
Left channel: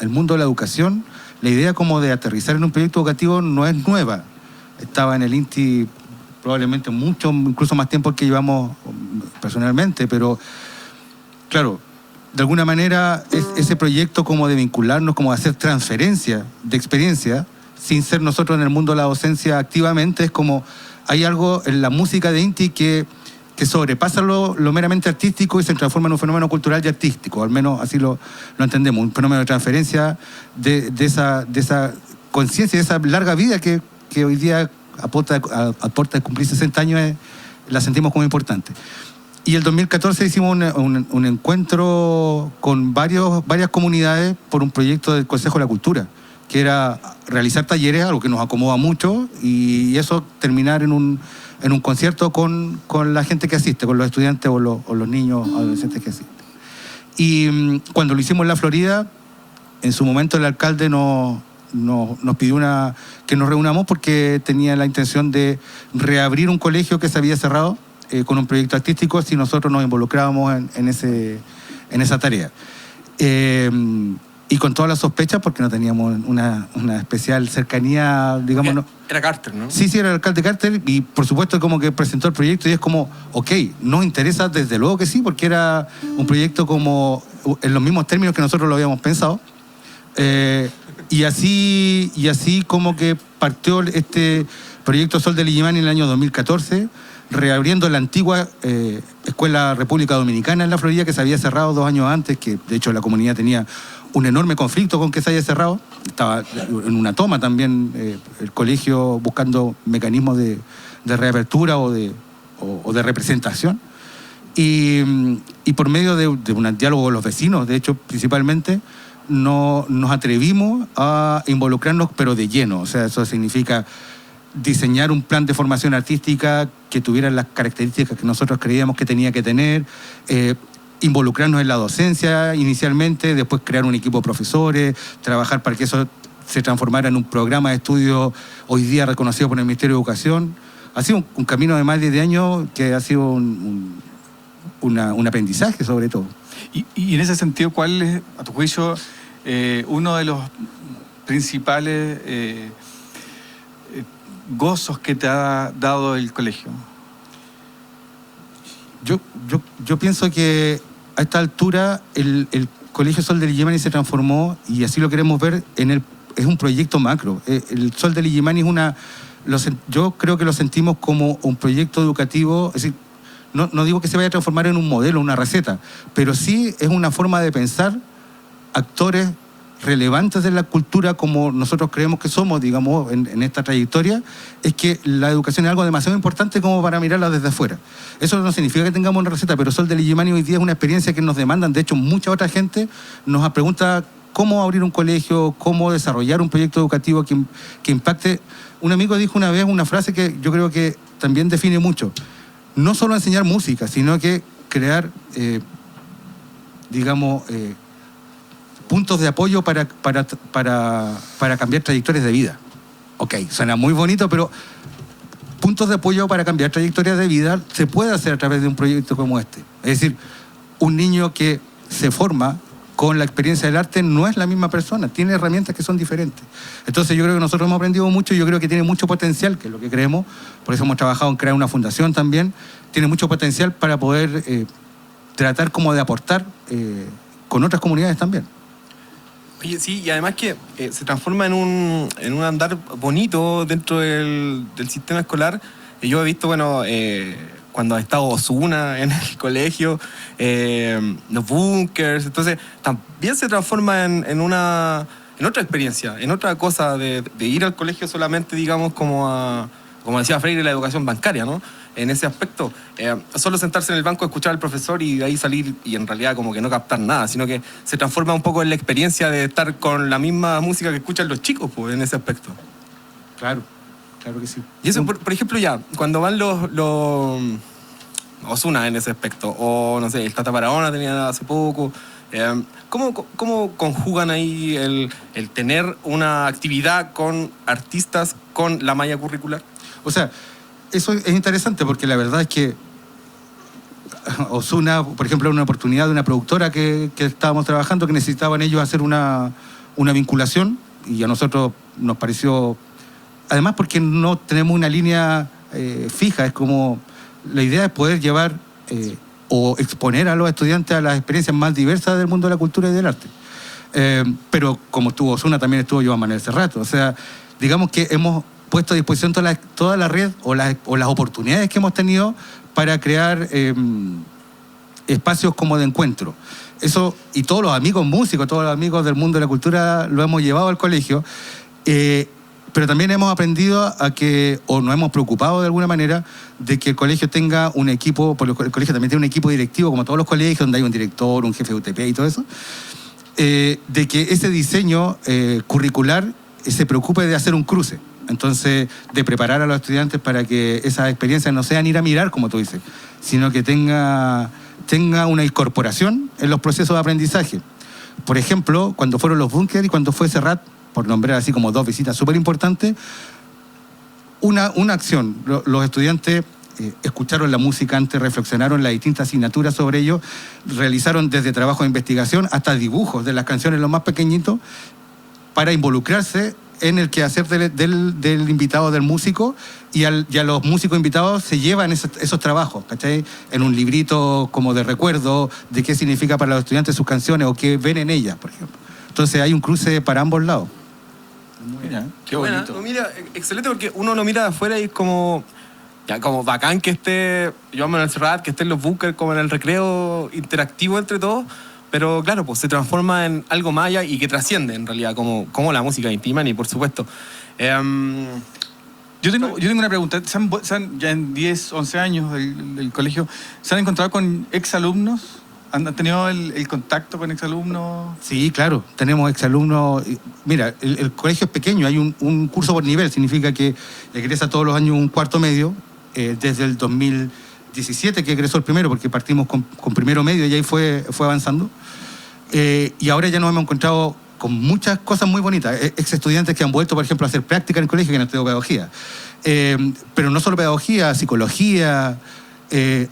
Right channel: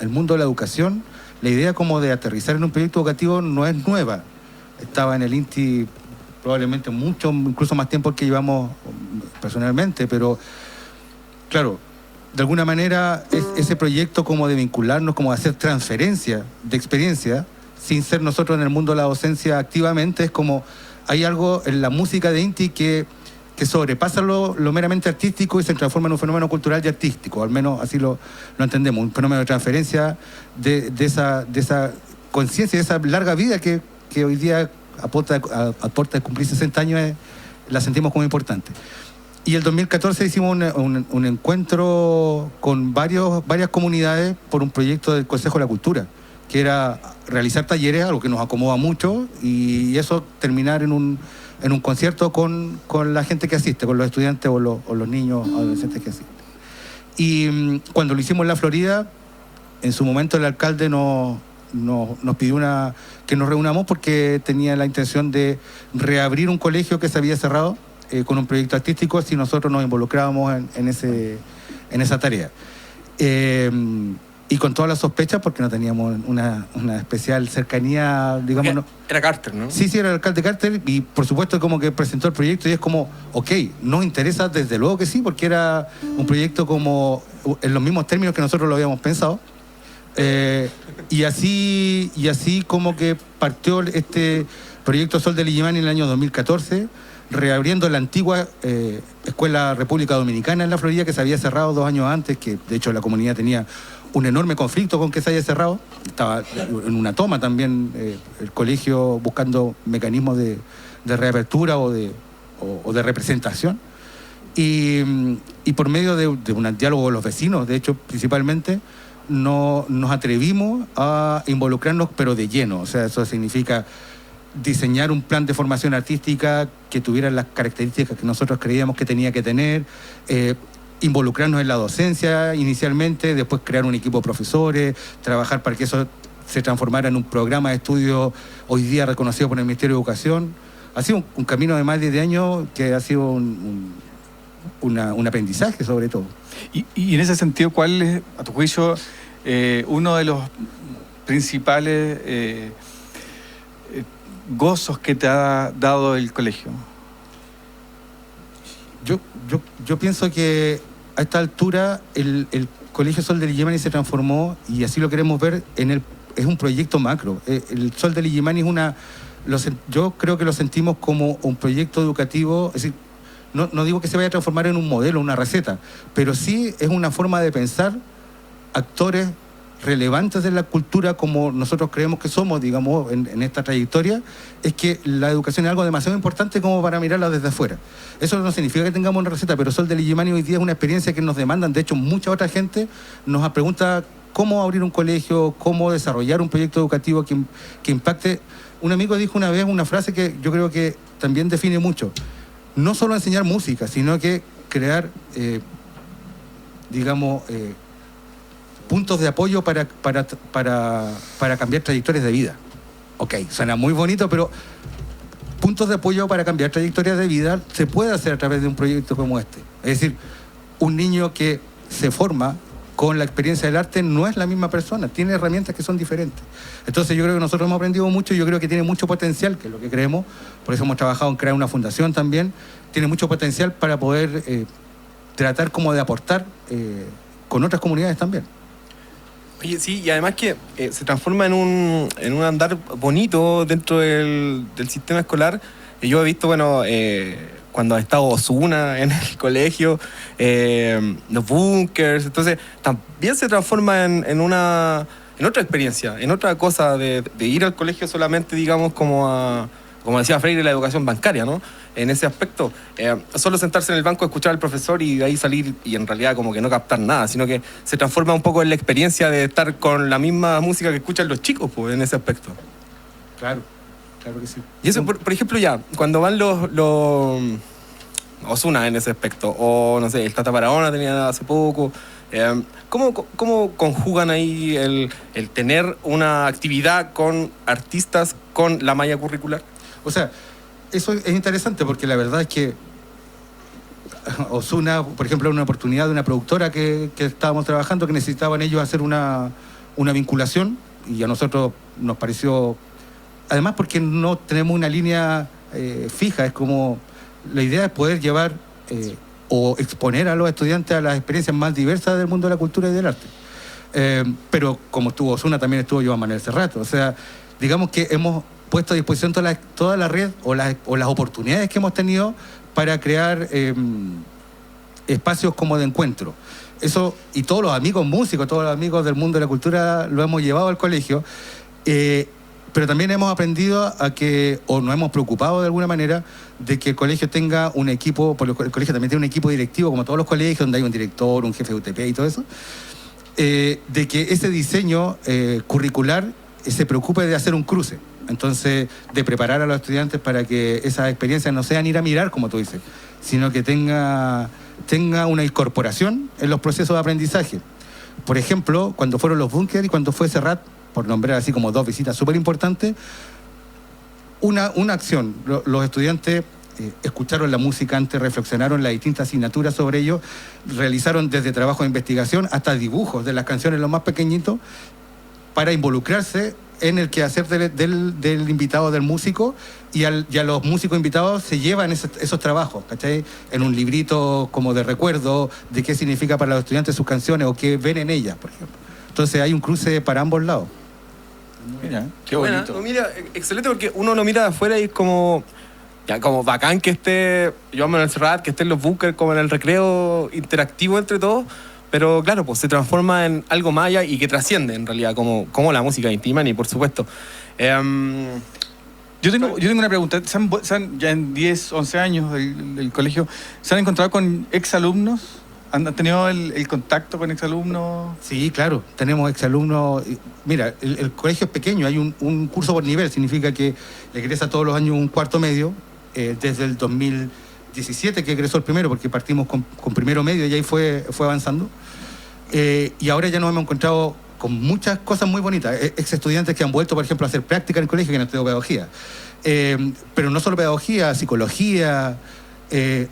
El mundo de la educación, la idea como de aterrizar en un proyecto educativo no es nueva. Estaba en el INTI probablemente mucho, incluso más tiempo que llevamos personalmente, pero claro, de alguna manera ese proyecto como de vincularnos, como de hacer transferencia de experiencia, sin ser nosotros en el mundo de la docencia activamente, es como hay algo en la música de INTI que sobrepasa lo meramente artístico y se transforma en un fenómeno cultural y artístico, al menos así lo entendemos, un fenómeno de transferencia de esa conciencia, de esa larga vida que hoy día aporta de cumplir 60 años, la sentimos como importante. Y el 2014 hicimos un encuentro con varias comunidades por un proyecto del Consejo de la Cultura, que era realizar talleres, algo que nos acomoda mucho, y eso terminar en un concierto con la gente que asiste, con los estudiantes o los niños, adolescentes que asisten. Y cuando lo hicimos en la Florida, en su momento el alcalde nos pidió que nos reunamos porque tenía la intención de reabrir un colegio que se había cerrado con un proyecto artístico si nosotros nos involucrábamos en esa tarea. Y con todas las sospechas, porque no teníamos una especial cercanía, digamos. Era Carter, ¿no? Sí, era el alcalde Carter, y por supuesto como que presentó el proyecto y es como, ok, nos interesa desde luego que sí, porque era un proyecto como en los mismos términos que nosotros lo habíamos pensado. Y así como que partió este proyecto Sol del Illimani en el año 2014, reabriendo la antigua Escuela República Dominicana en la Florida, que se había cerrado 2 años antes, que de hecho la comunidad tenía un enorme conflicto con que se haya cerrado. Estaba en una toma también el colegio buscando mecanismos de reapertura o de representación. Y por medio de un diálogo con los vecinos, de hecho, principalmente, nos atrevimos a involucrarnos, pero de lleno. O sea, eso significa diseñar un plan de formación artística que tuviera las características que nosotros creíamos que tenía que tener, involucrarnos en la docencia inicialmente, después crear un equipo de profesores, trabajar para que eso se transformara en un programa de estudio hoy día reconocido por el Ministerio de Educación. Ha sido un camino de más de 10 años que ha sido un aprendizaje sobre todo. Y en ese sentido, ¿cuál es, a tu juicio, uno de los principales gozos que te ha dado el colegio? Yo pienso que a esta altura el Colegio Sol del Illimani se transformó, y así lo queremos ver, es un proyecto macro. El Sol del Illimani yo creo que lo sentimos como un proyecto educativo, es decir, no digo que se vaya a transformar en un modelo, una receta, pero sí es una forma de pensar actores relevantes de la cultura como nosotros creemos que somos, digamos, en esta trayectoria. Es que la educación es algo demasiado importante como para mirarla desde afuera. Eso no significa que tengamos una receta, pero Sol del Illimani hoy día es una experiencia que nos demandan. De hecho, mucha otra gente nos pregunta cómo abrir un colegio, cómo desarrollar un proyecto educativo que impacte. Un amigo dijo una vez una frase que yo creo que también define mucho. No solo enseñar música, sino que crear, puntos de apoyo para cambiar trayectorias de vida. Ok, suena muy bonito, pero puntos de apoyo para cambiar trayectorias de vida se puede hacer a través de un proyecto como este. Es decir, un niño que se forma con la experiencia del arte no es la misma persona, tiene herramientas que son diferentes. Entonces yo creo que nosotros hemos aprendido mucho, yo creo que tiene mucho potencial, que es lo que creemos, por eso hemos trabajado en crear una fundación también, tiene mucho potencial para poder tratar como de aportar con otras comunidades también. Oye, sí, y además que se transforma en un andar bonito dentro del sistema escolar. Yo he visto, cuando ha estado Ozuna en el colegio, los bunkers, entonces también se transforma en otra experiencia, en otra cosa de ir al colegio solamente, digamos, como decía Freire, la educación bancaria, ¿no? En ese aspecto, solo sentarse en el banco, escuchar al profesor y de ahí salir y en realidad como que no captar nada, sino que se transforma un poco en la experiencia de estar con la misma música que escuchan los chicos, pues, en ese aspecto. Claro que sí. Y eso, por ejemplo, ya, cuando van los Ozuna en ese aspecto, o no sé, el Tata Barahona tenía hace poco, ¿cómo conjugan ahí el tener una actividad con artistas con la malla curricular? O sea, eso es interesante porque la verdad es que Ozuna, por ejemplo, era una oportunidad de una productora que estábamos trabajando, que necesitaban ellos hacer una vinculación, y a nosotros nos pareció, además porque no tenemos una línea fija, es como la idea es poder llevar o exponer a los estudiantes a las experiencias más diversas del mundo de la cultura y del arte. Pero como estuvo Ozuna, también estuvo Joan Manuel Serrat. O sea, digamos que hemos puesto a disposición toda la red o las oportunidades que hemos tenido para crear espacios como de encuentro. Eso, y todos los amigos músicos, todos los amigos del mundo de la cultura lo hemos llevado al colegio. Pero también hemos aprendido a que, o nos hemos preocupado de alguna manera, de que el colegio tenga un equipo, porque el colegio también tiene un equipo directivo, como todos los colegios, donde hay un director, un jefe de UTP y todo eso, de que ese diseño curricular se preocupe de hacer un cruce. Entonces, de preparar a los estudiantes para que esas experiencias no sean ir a mirar, como tú dices, sino que tenga una incorporación en los procesos de aprendizaje. Por ejemplo, cuando fueron los búnker y cuando fue Serrat, por nombrar así como dos visitas súper importantes, una acción. Los estudiantes escucharon la música antes, reflexionaron las distintas asignaturas sobre ello, realizaron desde trabajo de investigación hasta dibujos de las canciones los más pequeñitos para involucrarse en el quehacer del invitado, del músico, y a los músicos invitados se llevan esos trabajos, ¿cachai? En un librito como de recuerdo de qué significa para los estudiantes sus canciones o qué ven en ellas, por ejemplo. Entonces hay un cruce para ambos lados. Mira, qué bonito. Mira, excelente, porque uno lo mira de afuera y es como bacán que esté Joan Manuel Serrat, que esté en los bunkers, como en el recreo interactivo entre todos. Pero claro, pues se transforma en algo más allá y que trasciende en realidad, como la música de Inti Illimani, por supuesto. Yo tengo una pregunta. Ya en 10, 11 años del colegio, ¿se han encontrado con exalumnos? ¿Han tenido el contacto con exalumnos? Sí, claro, tenemos exalumnos. Mira, el colegio es pequeño, hay un curso por nivel, significa que egresa todos los años un cuarto medio, desde el 2017 que egresó el primero, porque partimos con primero medio y ahí fue avanzando. Y ahora ya nos hemos encontrado con muchas cosas muy bonitas. Ex estudiantes que han vuelto, por ejemplo, a hacer práctica en el colegio, que han estudiado pedagogía. Pero no solo pedagogía, psicología,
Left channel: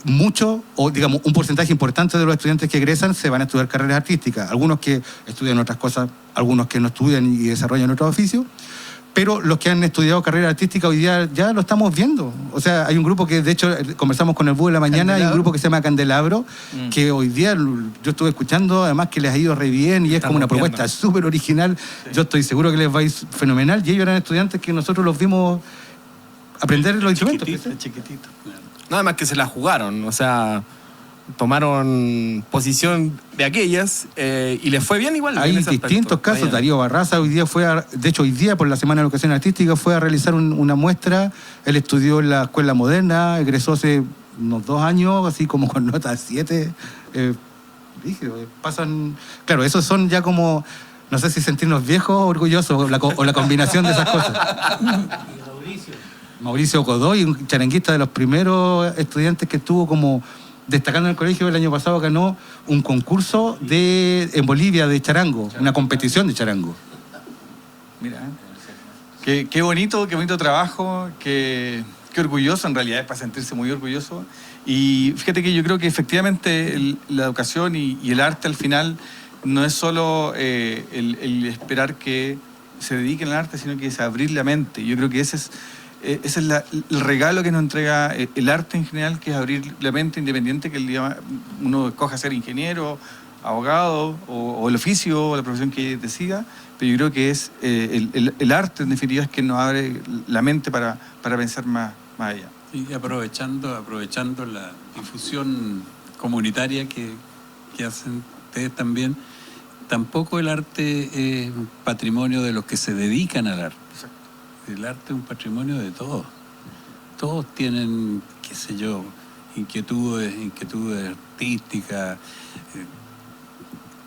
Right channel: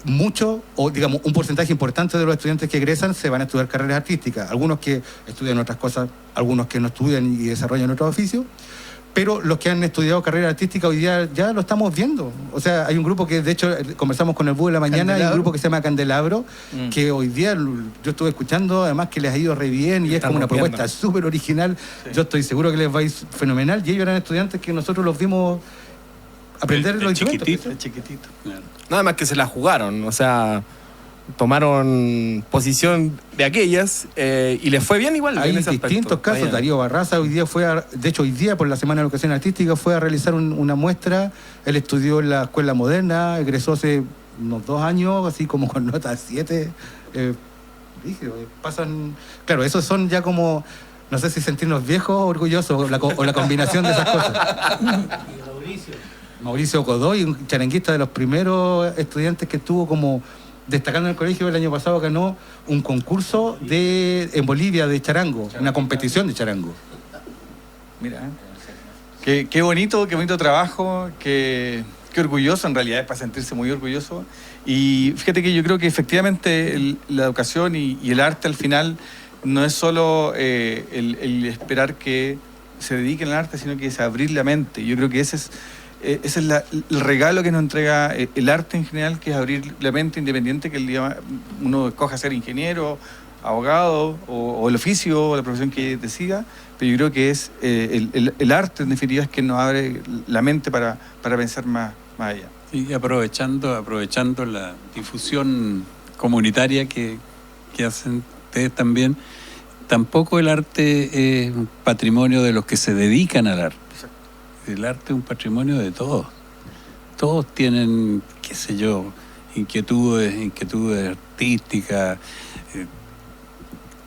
mucho, o digamos, un porcentaje importante de los estudiantes que egresan se van a estudiar carreras artísticas. Algunos que estudian otras cosas, algunos que no estudian y desarrollan otros oficios. Pero los que han estudiado carrera artística hoy día ya lo estamos viendo. O sea, hay un grupo que, de hecho, conversamos con el Búho en la mañana, hay un grupo que se llama Candelabro, que hoy día yo estuve escuchando, además que les ha ido re bien y es como una propuesta súper original. Sí. Yo estoy seguro que les va a ir fenomenal. Y ellos eran estudiantes que nosotros los vimos aprender los instrumentos. Chiquitito. Claro. Nada más que se la jugaron, o sea, tomaron posición de aquellas y les fue bien igual. Hay distintos casos. Darío Barraza hoy día de hecho hoy día por la Semana de Educación Artística fue a realizar una muestra. Él estudió en la Escuela Moderna, egresó hace unos 2 años, así como con nota 7. Pasan, claro, esos son ya como, no sé si sentirnos viejos o orgullosos, o la combinación de esas cosas. Mauricio Godoy, un charanguista de los primeros estudiantes que estuvo como destacando en el colegio. El año pasado ganó un concurso en Bolivia de charango, una competición de charango. Mira, qué bonito trabajo, qué orgulloso, en realidad es para sentirse muy orgulloso. Y fíjate que yo creo que efectivamente la educación y el arte al final no es solo el esperar que se dediquen al arte, sino que es abrir la mente. Yo creo que ese es el regalo que nos entrega el arte en general, que es abrir la mente, independiente que el día uno escoja ser ingeniero, abogado o el oficio o la profesión que decida, pero yo creo que es el arte en definitiva es que nos abre la mente para pensar más allá. Y aprovechando la difusión comunitaria que hacen ustedes también, tampoco el arte es un patrimonio de los que se dedican al arte. El arte es un patrimonio de todos. Todos tienen, qué sé yo, inquietudes artísticas,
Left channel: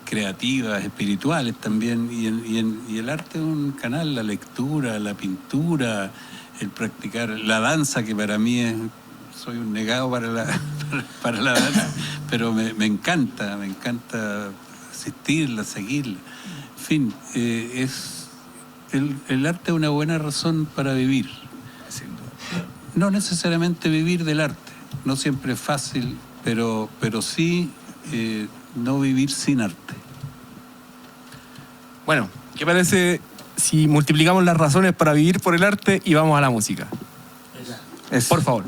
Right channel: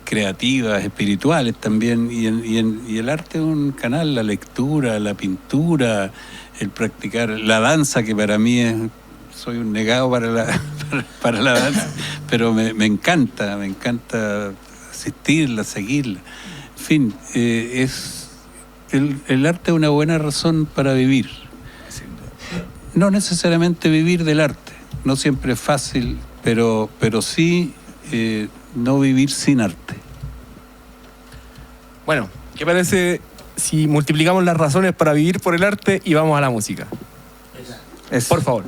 creativas, espirituales también. Y el arte es un canal, la lectura, la pintura, el practicar la danza, que para mí soy un negado para la danza, pero me encanta asistirla, seguirla. En fin, el arte es una buena razón para vivir. No necesariamente vivir del arte, no siempre es fácil, pero sí no vivir sin arte. Bueno, ¿qué parece si multiplicamos las razones para vivir por el arte y vamos a la música? Por favor.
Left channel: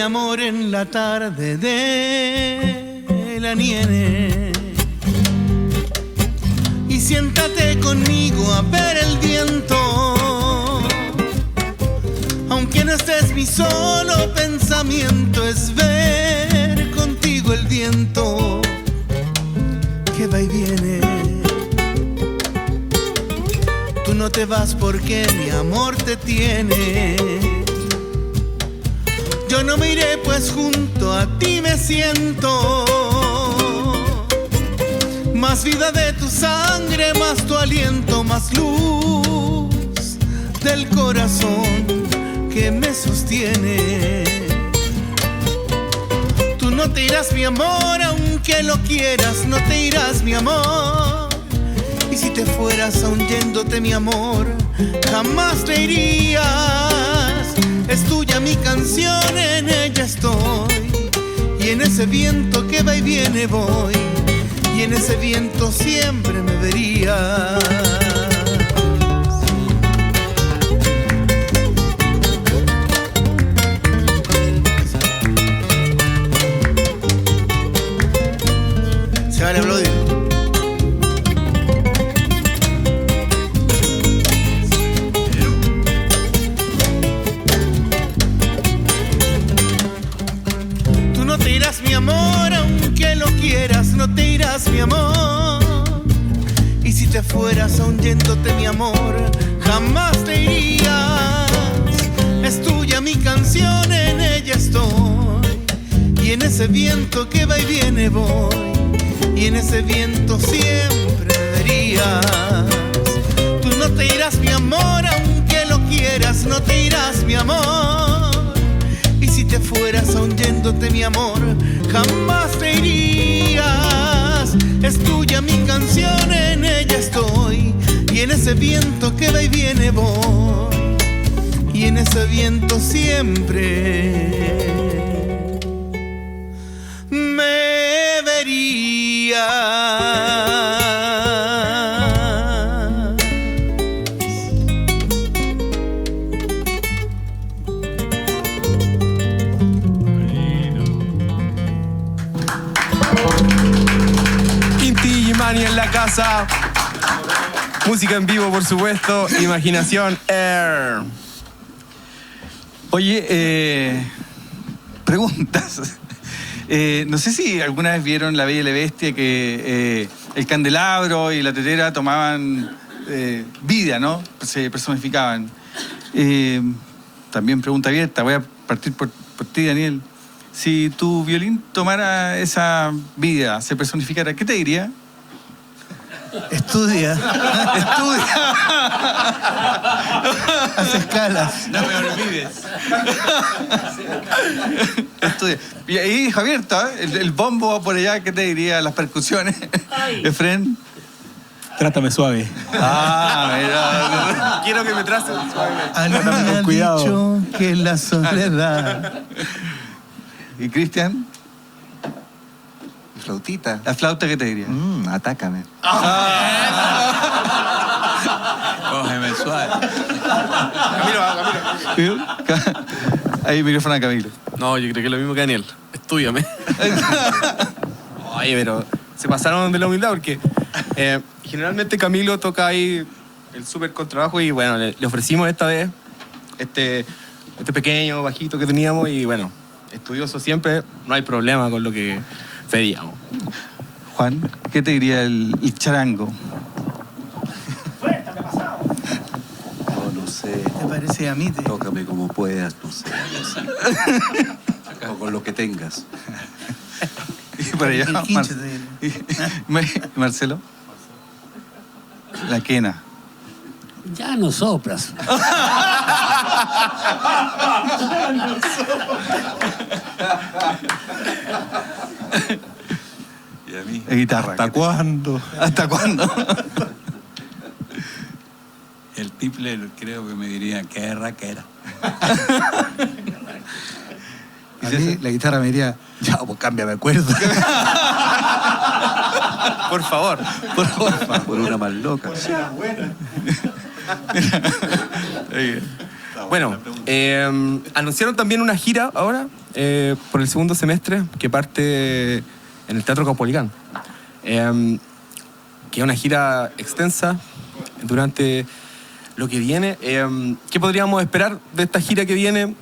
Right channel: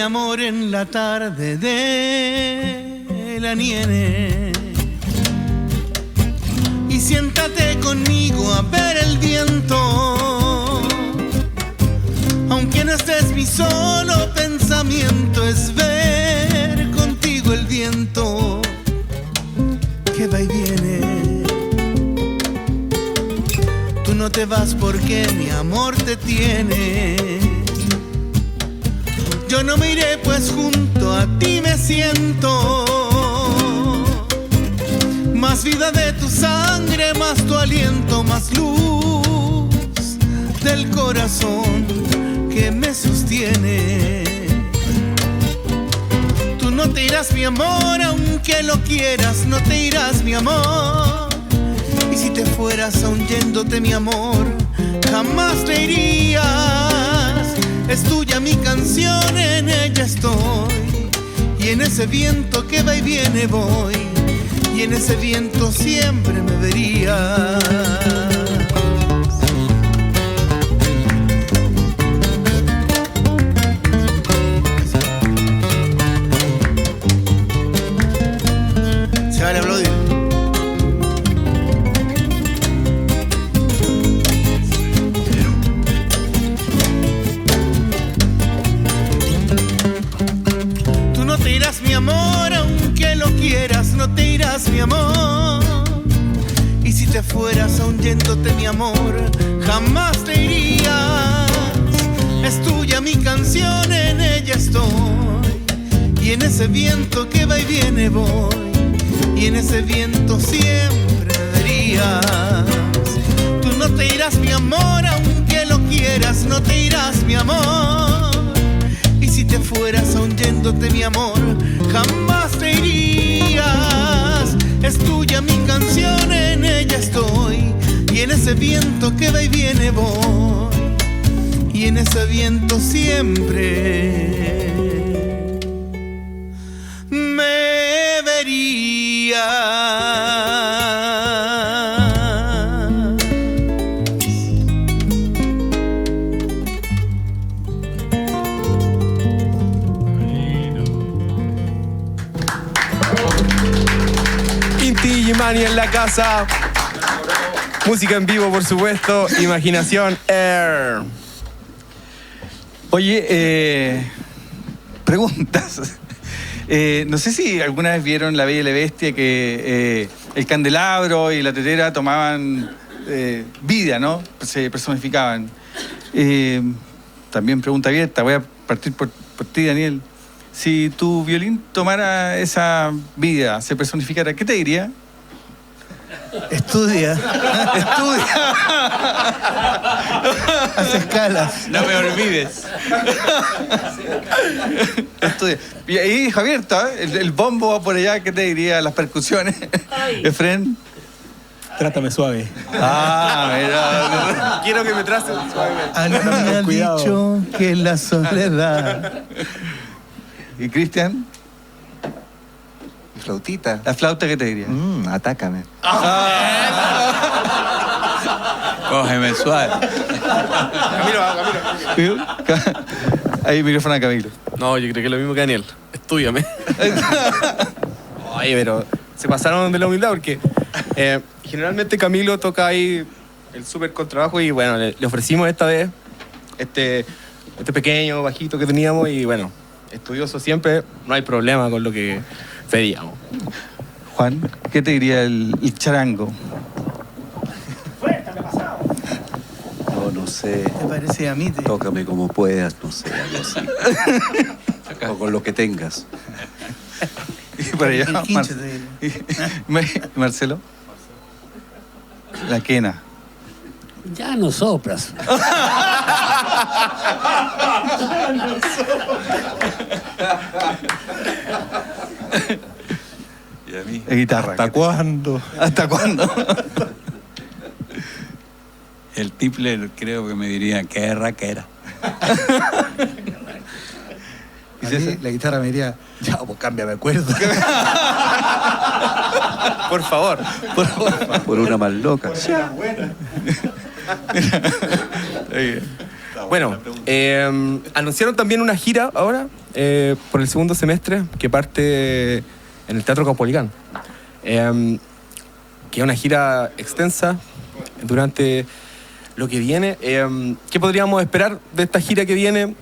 mi amor en la tarde de la nieve. Y siéntate conmigo a ver el viento. Aunque no estés, mi solo pensamiento es ver contigo el viento que va y viene. Tú no te vas porque mi amor te tiene. Yo no me iré pues junto a ti me siento. Más vida de tu sangre, más tu aliento, más luz del corazón que me sostiene. Tú no te irás, mi amor, aunque lo quieras, no te irás, mi amor. Y si te fueras aún yéndote, mi amor, jamás te irías. Es tuya mi canción, en ella estoy. Y en ese viento que va y viene voy. Y en ese viento siempre me verías. Se vale aplaudir. Tú no te irás, mi amor, aunque lo quieras, no te irás, mi amor. Y si te fueras aún yéndote, mi amor, jamás te irías. Es tuya mi canción, en ella estoy. Y en ese viento que va y viene voy. Y en ese viento siempre me verías. Tú no te irás, mi amor, aunque lo quieras, no te irás, mi amor. Y si te fueras aún yéndote, mi amor, jamás te irías. Es tuya mi canción, en ella estoy. Y en ese viento que va y viene voy. Y en ese viento siempre me verías. En la casa, música en vivo, por supuesto, Imaginación Air. Oye, preguntas. No sé si alguna vez vieron La Bella y la Bestia, que el candelabro y la tetera tomaban vida, ¿no? Se personificaban. También pregunta abierta, voy a partir por ti, Daniel. Si tu violín tomara esa vida, se personificara, ¿qué te diría? Estudia. Hace escalas. No me olvides. Estudia. Y ahí, Javier, el bombo va por allá, ¿qué te diría? Las percusiones. Efren. Trátame suave. Mira. Quiero que me traten suave. A mí me han dicho que la soledad. ¿Y Cristian? Flautita. ¿La flauta qué te diría? Atácame. Cógeme suave. Camilo. Ahí micrófono a Camilo. No, yo creo que es lo mismo que Daniel. Estúdiame. Oye, pero se pasaron de la humildad porque generalmente Camilo toca ahí el súper contrabajo y bueno, le ofrecimos esta vez este pequeño bajito que teníamos y bueno, estudioso siempre, no hay problema con lo que pedíamos. Juan, ¿qué te diría el charango? No sé. ¿Te parece a mí? Tócame como puedas, no sé, algo así. O con lo que tengas. Y por allá, Marcelo. La quena. Ya no soplas. Y a mí, guitarra. ¿hasta cuándo? ¿Hasta cuándo? El Tipler creo que me diría que raquera. A mí, la guitarra me diría, ya, pues cámbiame cuerda. Por favor. Por una más loca. Bueno, anunciaron también una gira ahora por el segundo semestre, que parte en el Teatro Caupolicán, que es una gira extensa durante lo que viene. ¿Qué podríamos esperar de esta gira que viene?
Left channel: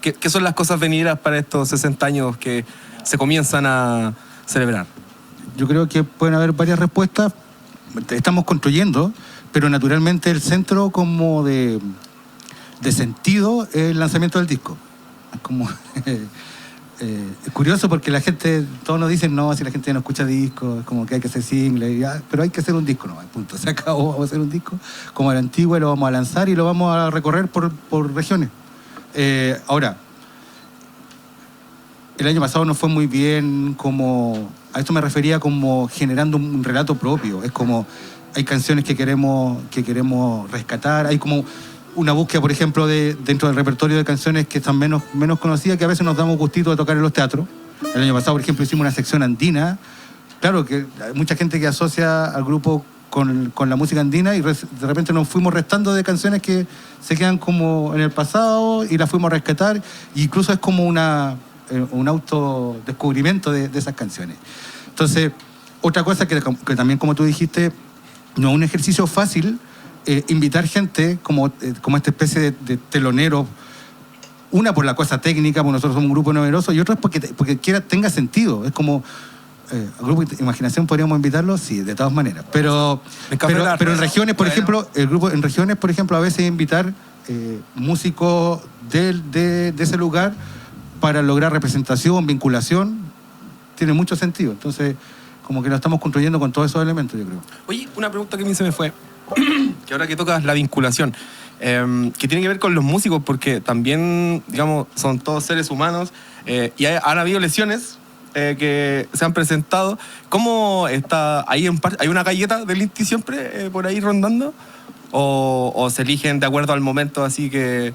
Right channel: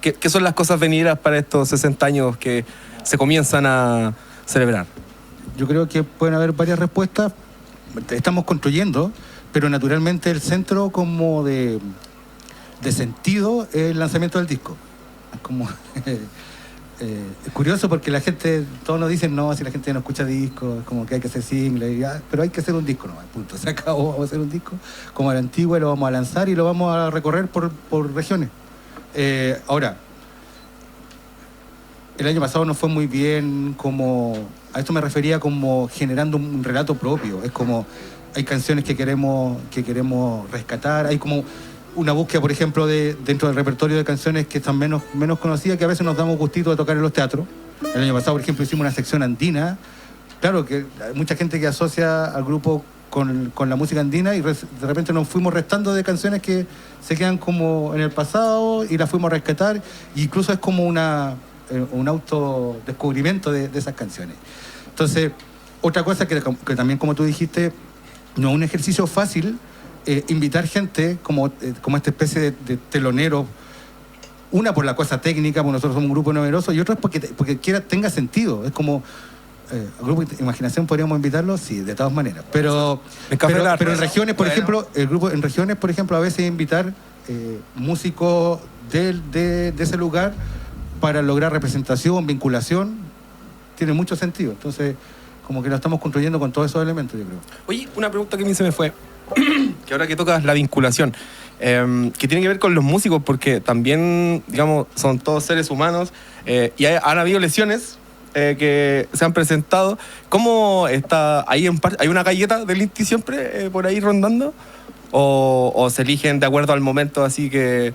¿Qué son las cosas venideras para estos 60 años que se comienzan a celebrar? Yo creo que pueden haber varias respuestas. Estamos construyendo, pero naturalmente el centro como de sentido es el lanzamiento del disco. Es como es curioso porque la gente, todos nos dicen, no, si la gente no escucha discos, es como que hay que hacer singles, pero hay que hacer un disco, no, punto, se acabó, vamos a hacer un disco como a la antigua, lo vamos a lanzar y lo vamos a recorrer por regiones. Ahora, el año pasado no fue muy bien, a esto me refería como generando un relato propio. Es como, hay canciones que queremos rescatar, hay como una búsqueda, por ejemplo, dentro del repertorio de canciones que están menos conocidas, que a veces nos damos gustito de tocar en los teatros. El año pasado, por ejemplo, hicimos una sección andina. Claro que hay mucha gente que asocia al grupo con la música andina y de repente nos fuimos restando de canciones que se quedan como en el pasado y las fuimos a rescatar. E incluso es como un autodescubrimiento de esas canciones. Entonces, otra cosa que también, como tú dijiste, no es un ejercicio fácil invitar gente como esta especie de telonero. Una por la cosa técnica, porque nosotros somos un grupo numeroso, y otra es porque tenga sentido. Es como el grupo de Imaginación, podríamos invitarlo, sí, de todas maneras. Pero en regiones, por ejemplo, el grupo en regiones, por ejemplo, a veces invitar músicos de ese lugar para lograr representación, vinculación, tiene mucho sentido. Entonces, como que lo estamos construyendo con todos esos elementos, yo creo. Oye, una pregunta que a mí se me fue, que ahora que tocas la vinculación, que tiene que ver con los músicos, porque también, digamos, son todos seres humanos, y han habido lesiones que se han presentado. ¿Cómo está ahí hay una galleta del Inti siempre por ahí rondando? ¿O se eligen de acuerdo al momento, así que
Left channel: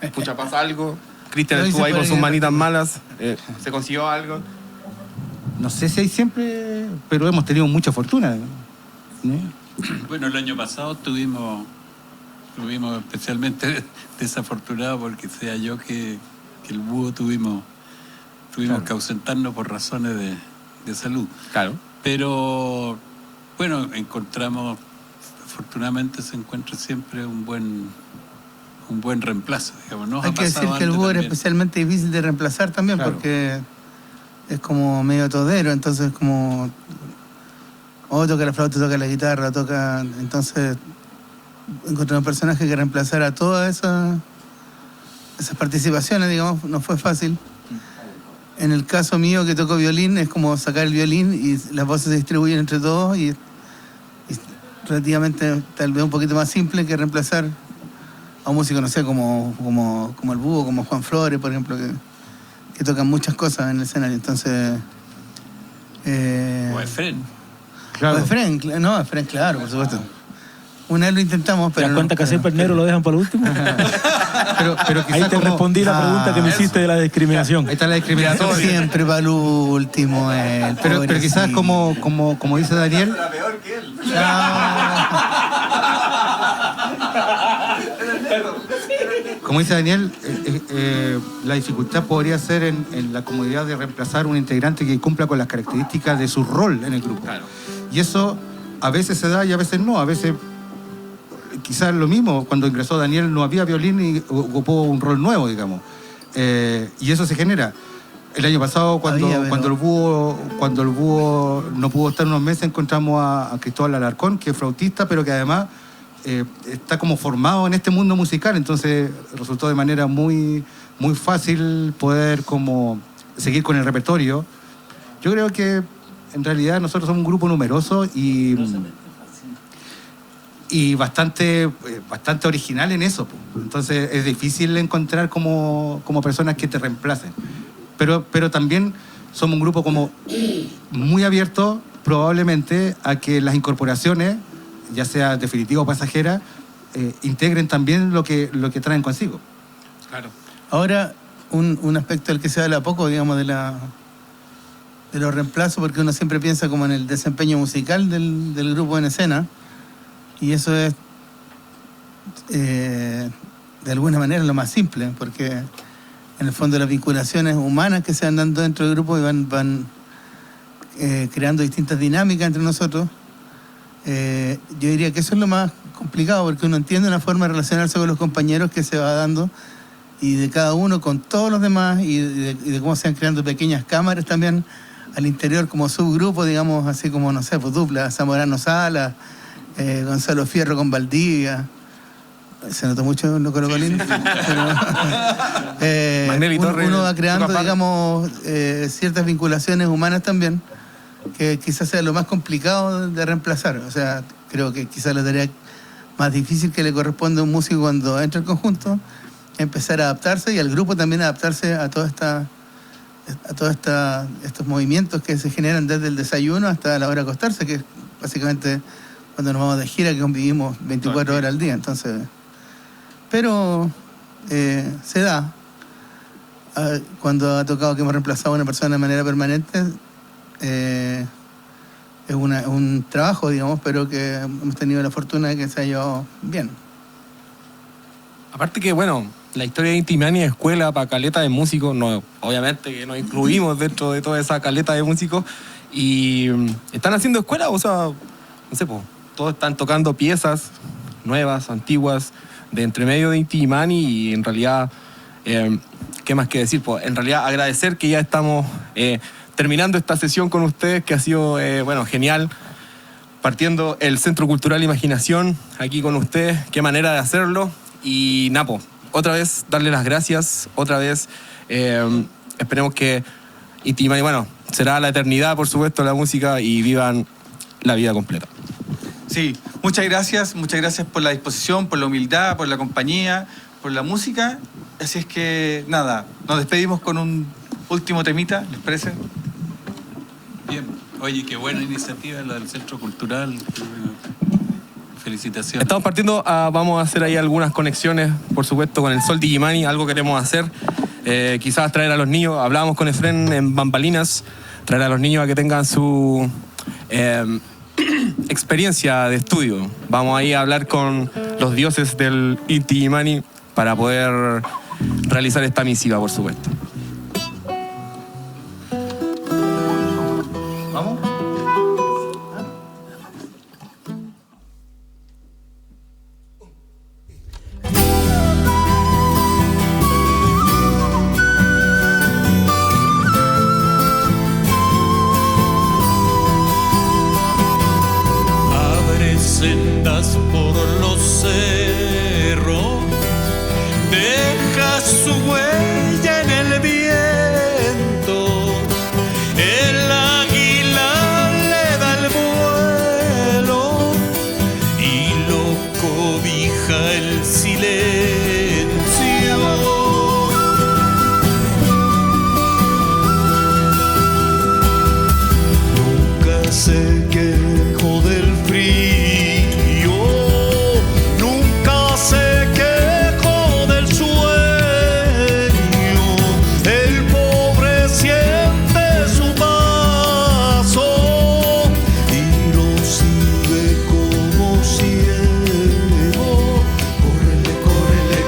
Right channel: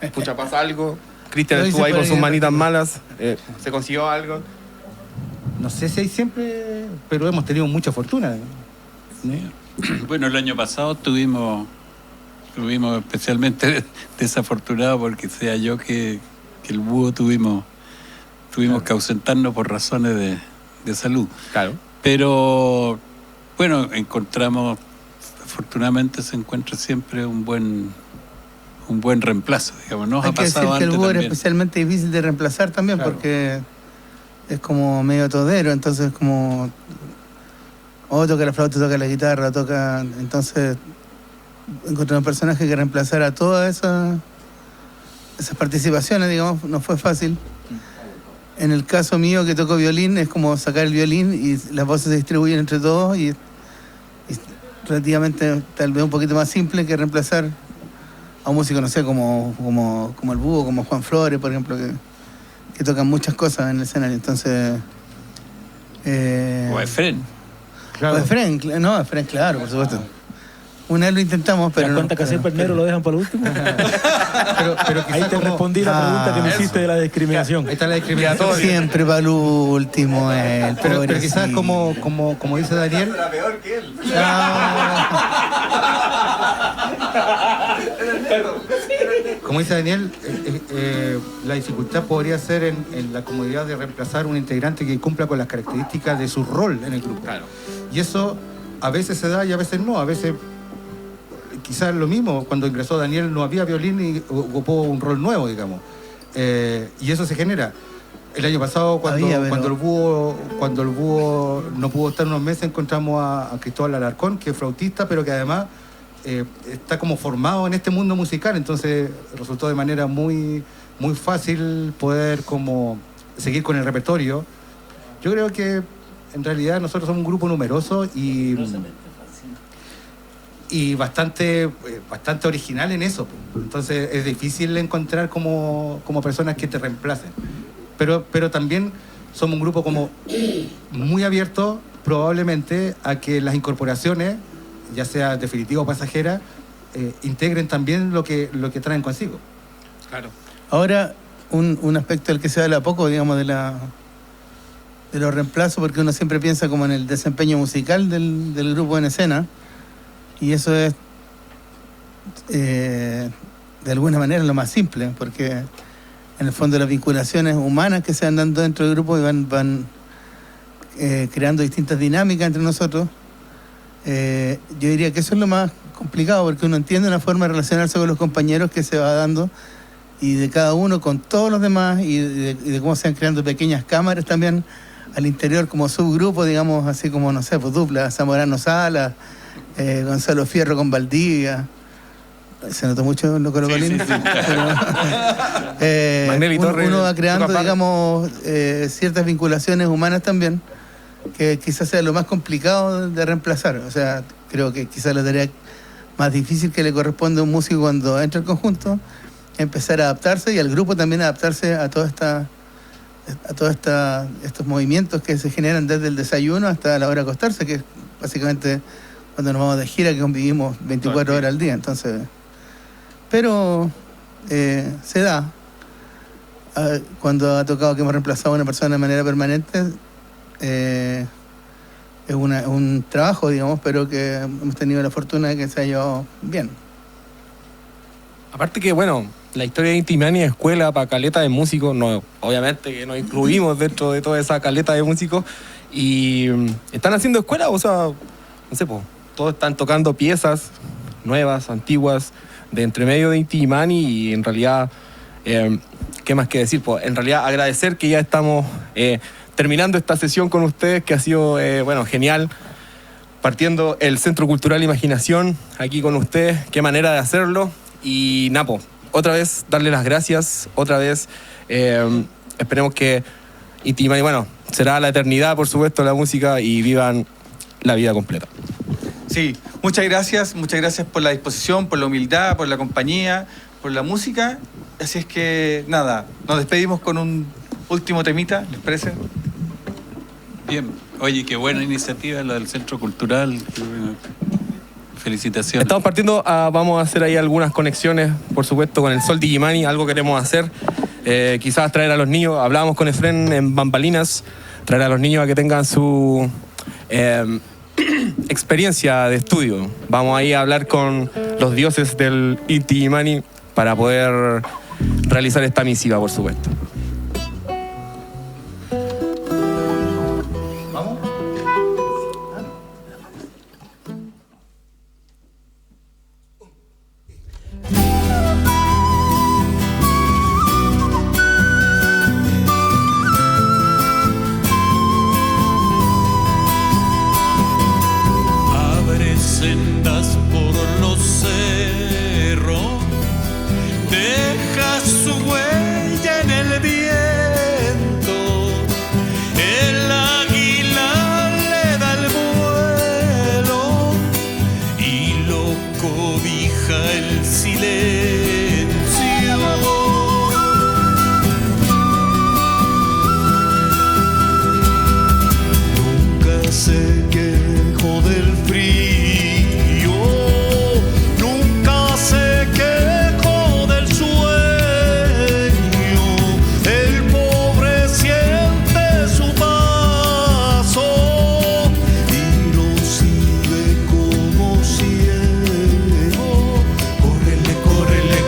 escucha, pasa algo? Cristian estuvo ahí con sus manitas malas, ¿se consiguió algo? No sé si hay siempre, pero hemos tenido mucha fortuna. Bueno, el año pasado estuvimos especialmente desafortunados porque sea yo que el búho tuvimos claro, que ausentarnos por razones de salud. Claro. Pero bueno, afortunadamente se encuentra siempre un buen reemplazo, digamos. Nos hay ha que decir pasado que el antes búho era también. especialmente difícil de reemplazar también, claro, porque es como medio todero, entonces como toca la flauta, toca la guitarra, entonces encontrar un personaje que reemplazara todas esas participaciones, digamos, no fue fácil. En el caso mío, que toco violín, es como sacar el violín y las voces se distribuyen entre todos y relativamente tal vez un poquito más simple que reemplazar a un músico, no sé, como el búho, como Juan Flores, por ejemplo, que tocan muchas cosas en el escenario. Entonces, o Efren. Claro. Efren, claro, por supuesto. Una vez lo intentamos, pero ¿te das cuenta que siempre el negro lo dejan para el último? pero ahí te respondí la pregunta que me hiciste de la discriminación. Ahí está la discriminación. Siempre para el último. Pero quizás como dice Daniel. Era peor que él. Como dice Daniel, la dificultad podría ser en la comodidad de reemplazar un integrante que cumpla con las características de su rol en el grupo. Claro. Y eso a veces se da y a veces no. A veces, quizás lo mismo, cuando ingresó Daniel no había violín y ocupó un rol nuevo, digamos. Y eso se genera. El año pasado, cuando el búho no pudo estar unos meses, encontramos a Cristóbal Alarcón, que es flautista, pero que además está como formado en este mundo musical. Entonces resultó de manera muy, muy fácil poder como seguir con el repertorio. Yo creo que en realidad nosotros somos un grupo numeroso y bastante original en eso. Entonces es difícil encontrar como personas que te reemplacen. Pero también somos un grupo como muy abierto probablemente a que las incorporaciones, ya sea definitiva o pasajera, integren también lo que traen consigo. Claro. Ahora, un aspecto del que se habla poco, digamos, de los reemplazos, porque uno siempre piensa como en el desempeño musical del grupo en escena, y eso es de alguna manera lo más simple, porque en el fondo las vinculaciones humanas que se van dando dentro del grupo y van creando distintas dinámicas entre nosotros. Yo diría que eso es lo más complicado, porque uno entiende una forma de relacionarse con los compañeros que se va dando, y de cada uno con todos los demás, y de cómo se van creando pequeñas cámaras también al interior como subgrupo, digamos, así como, no sé, pues dupla, Zamorano Sala, Gonzalo Fierro con Valdivia. Se notó mucho en lo Colo Colín. Uno va creando, digamos, ciertas vinculaciones humanas también, que quizás sea lo más complicado de reemplazar. O sea, creo que quizás la tarea más difícil que le corresponde a un músico cuando entra al conjunto es empezar a adaptarse, y al grupo también adaptarse a todos estos movimientos que se generan desde el desayuno hasta la hora de acostarse, que es básicamente cuando nos vamos de gira, que convivimos 24 horas al día. Entonces, pero se da. Cuando ha tocado que hemos reemplazado a una persona de manera permanente, es un trabajo, digamos, pero que hemos tenido la fortuna de que se ha llevado bien. Aparte que, bueno, la historia de Inti Illimani es escuela para caleta de músicos, no, obviamente que nos incluimos dentro de toda esa caleta de músicos, y están haciendo escuela, o sea, no sé, pues, todos están tocando piezas nuevas, antiguas, de entre medio de Inti Illimani, y en realidad, ¿qué más que decir? Pues en realidad agradecer que ya estamos terminando esta sesión con ustedes, que ha sido, bueno, genial, partiendo el Centro Cultural Imaginación aquí con ustedes, qué manera de hacerlo, y Napo, otra vez darle las gracias, otra vez esperemos que Inti Illimani, bueno, será la eternidad, por supuesto, la música, y vivan la vida completa. Sí, muchas gracias por la disposición, por la humildad, por la compañía, por la música. Así es que, nada, nos despedimos con un último temita, ¿les parece? Bien, oye, qué buena iniciativa la del Centro Cultural. Felicitaciones. Estamos partiendo, vamos a hacer ahí algunas conexiones, por supuesto, con el Sol de Illimani, algo queremos hacer. Quizás traer a los niños, hablábamos con Efren en Bambalinas, traer a los niños a que tengan su experiencia de estudio. Vamos ahí a hablar con los dioses del Inti Illimani para poder realizar esta misiva, por supuesto. Sendas por los cerros, deja su huella en el viento, el águila le da el vuelo y lo cobija el silencio. Nunca se quejó del frío, se quejó del sueño, el pobre siente su paso y lo sigue como ciego. Córrele, córrele,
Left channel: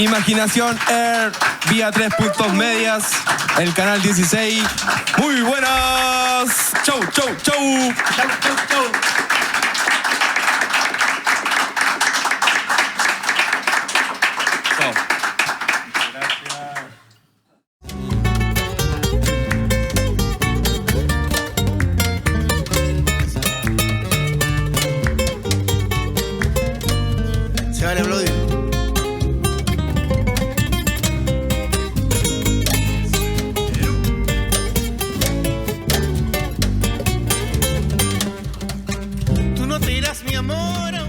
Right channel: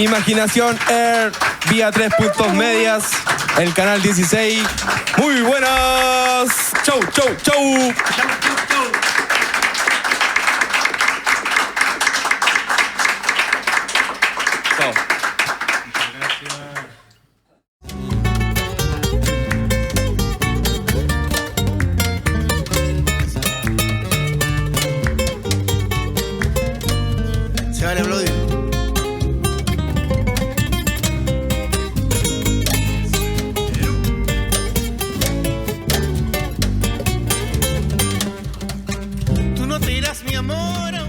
Imaginación Air, vía 3 puntos medias, el canal 16. Muy buenas. Chau, chau, chau. Chau, chau, chau. Se vale aplaudir. Tú no te irás, mi amor.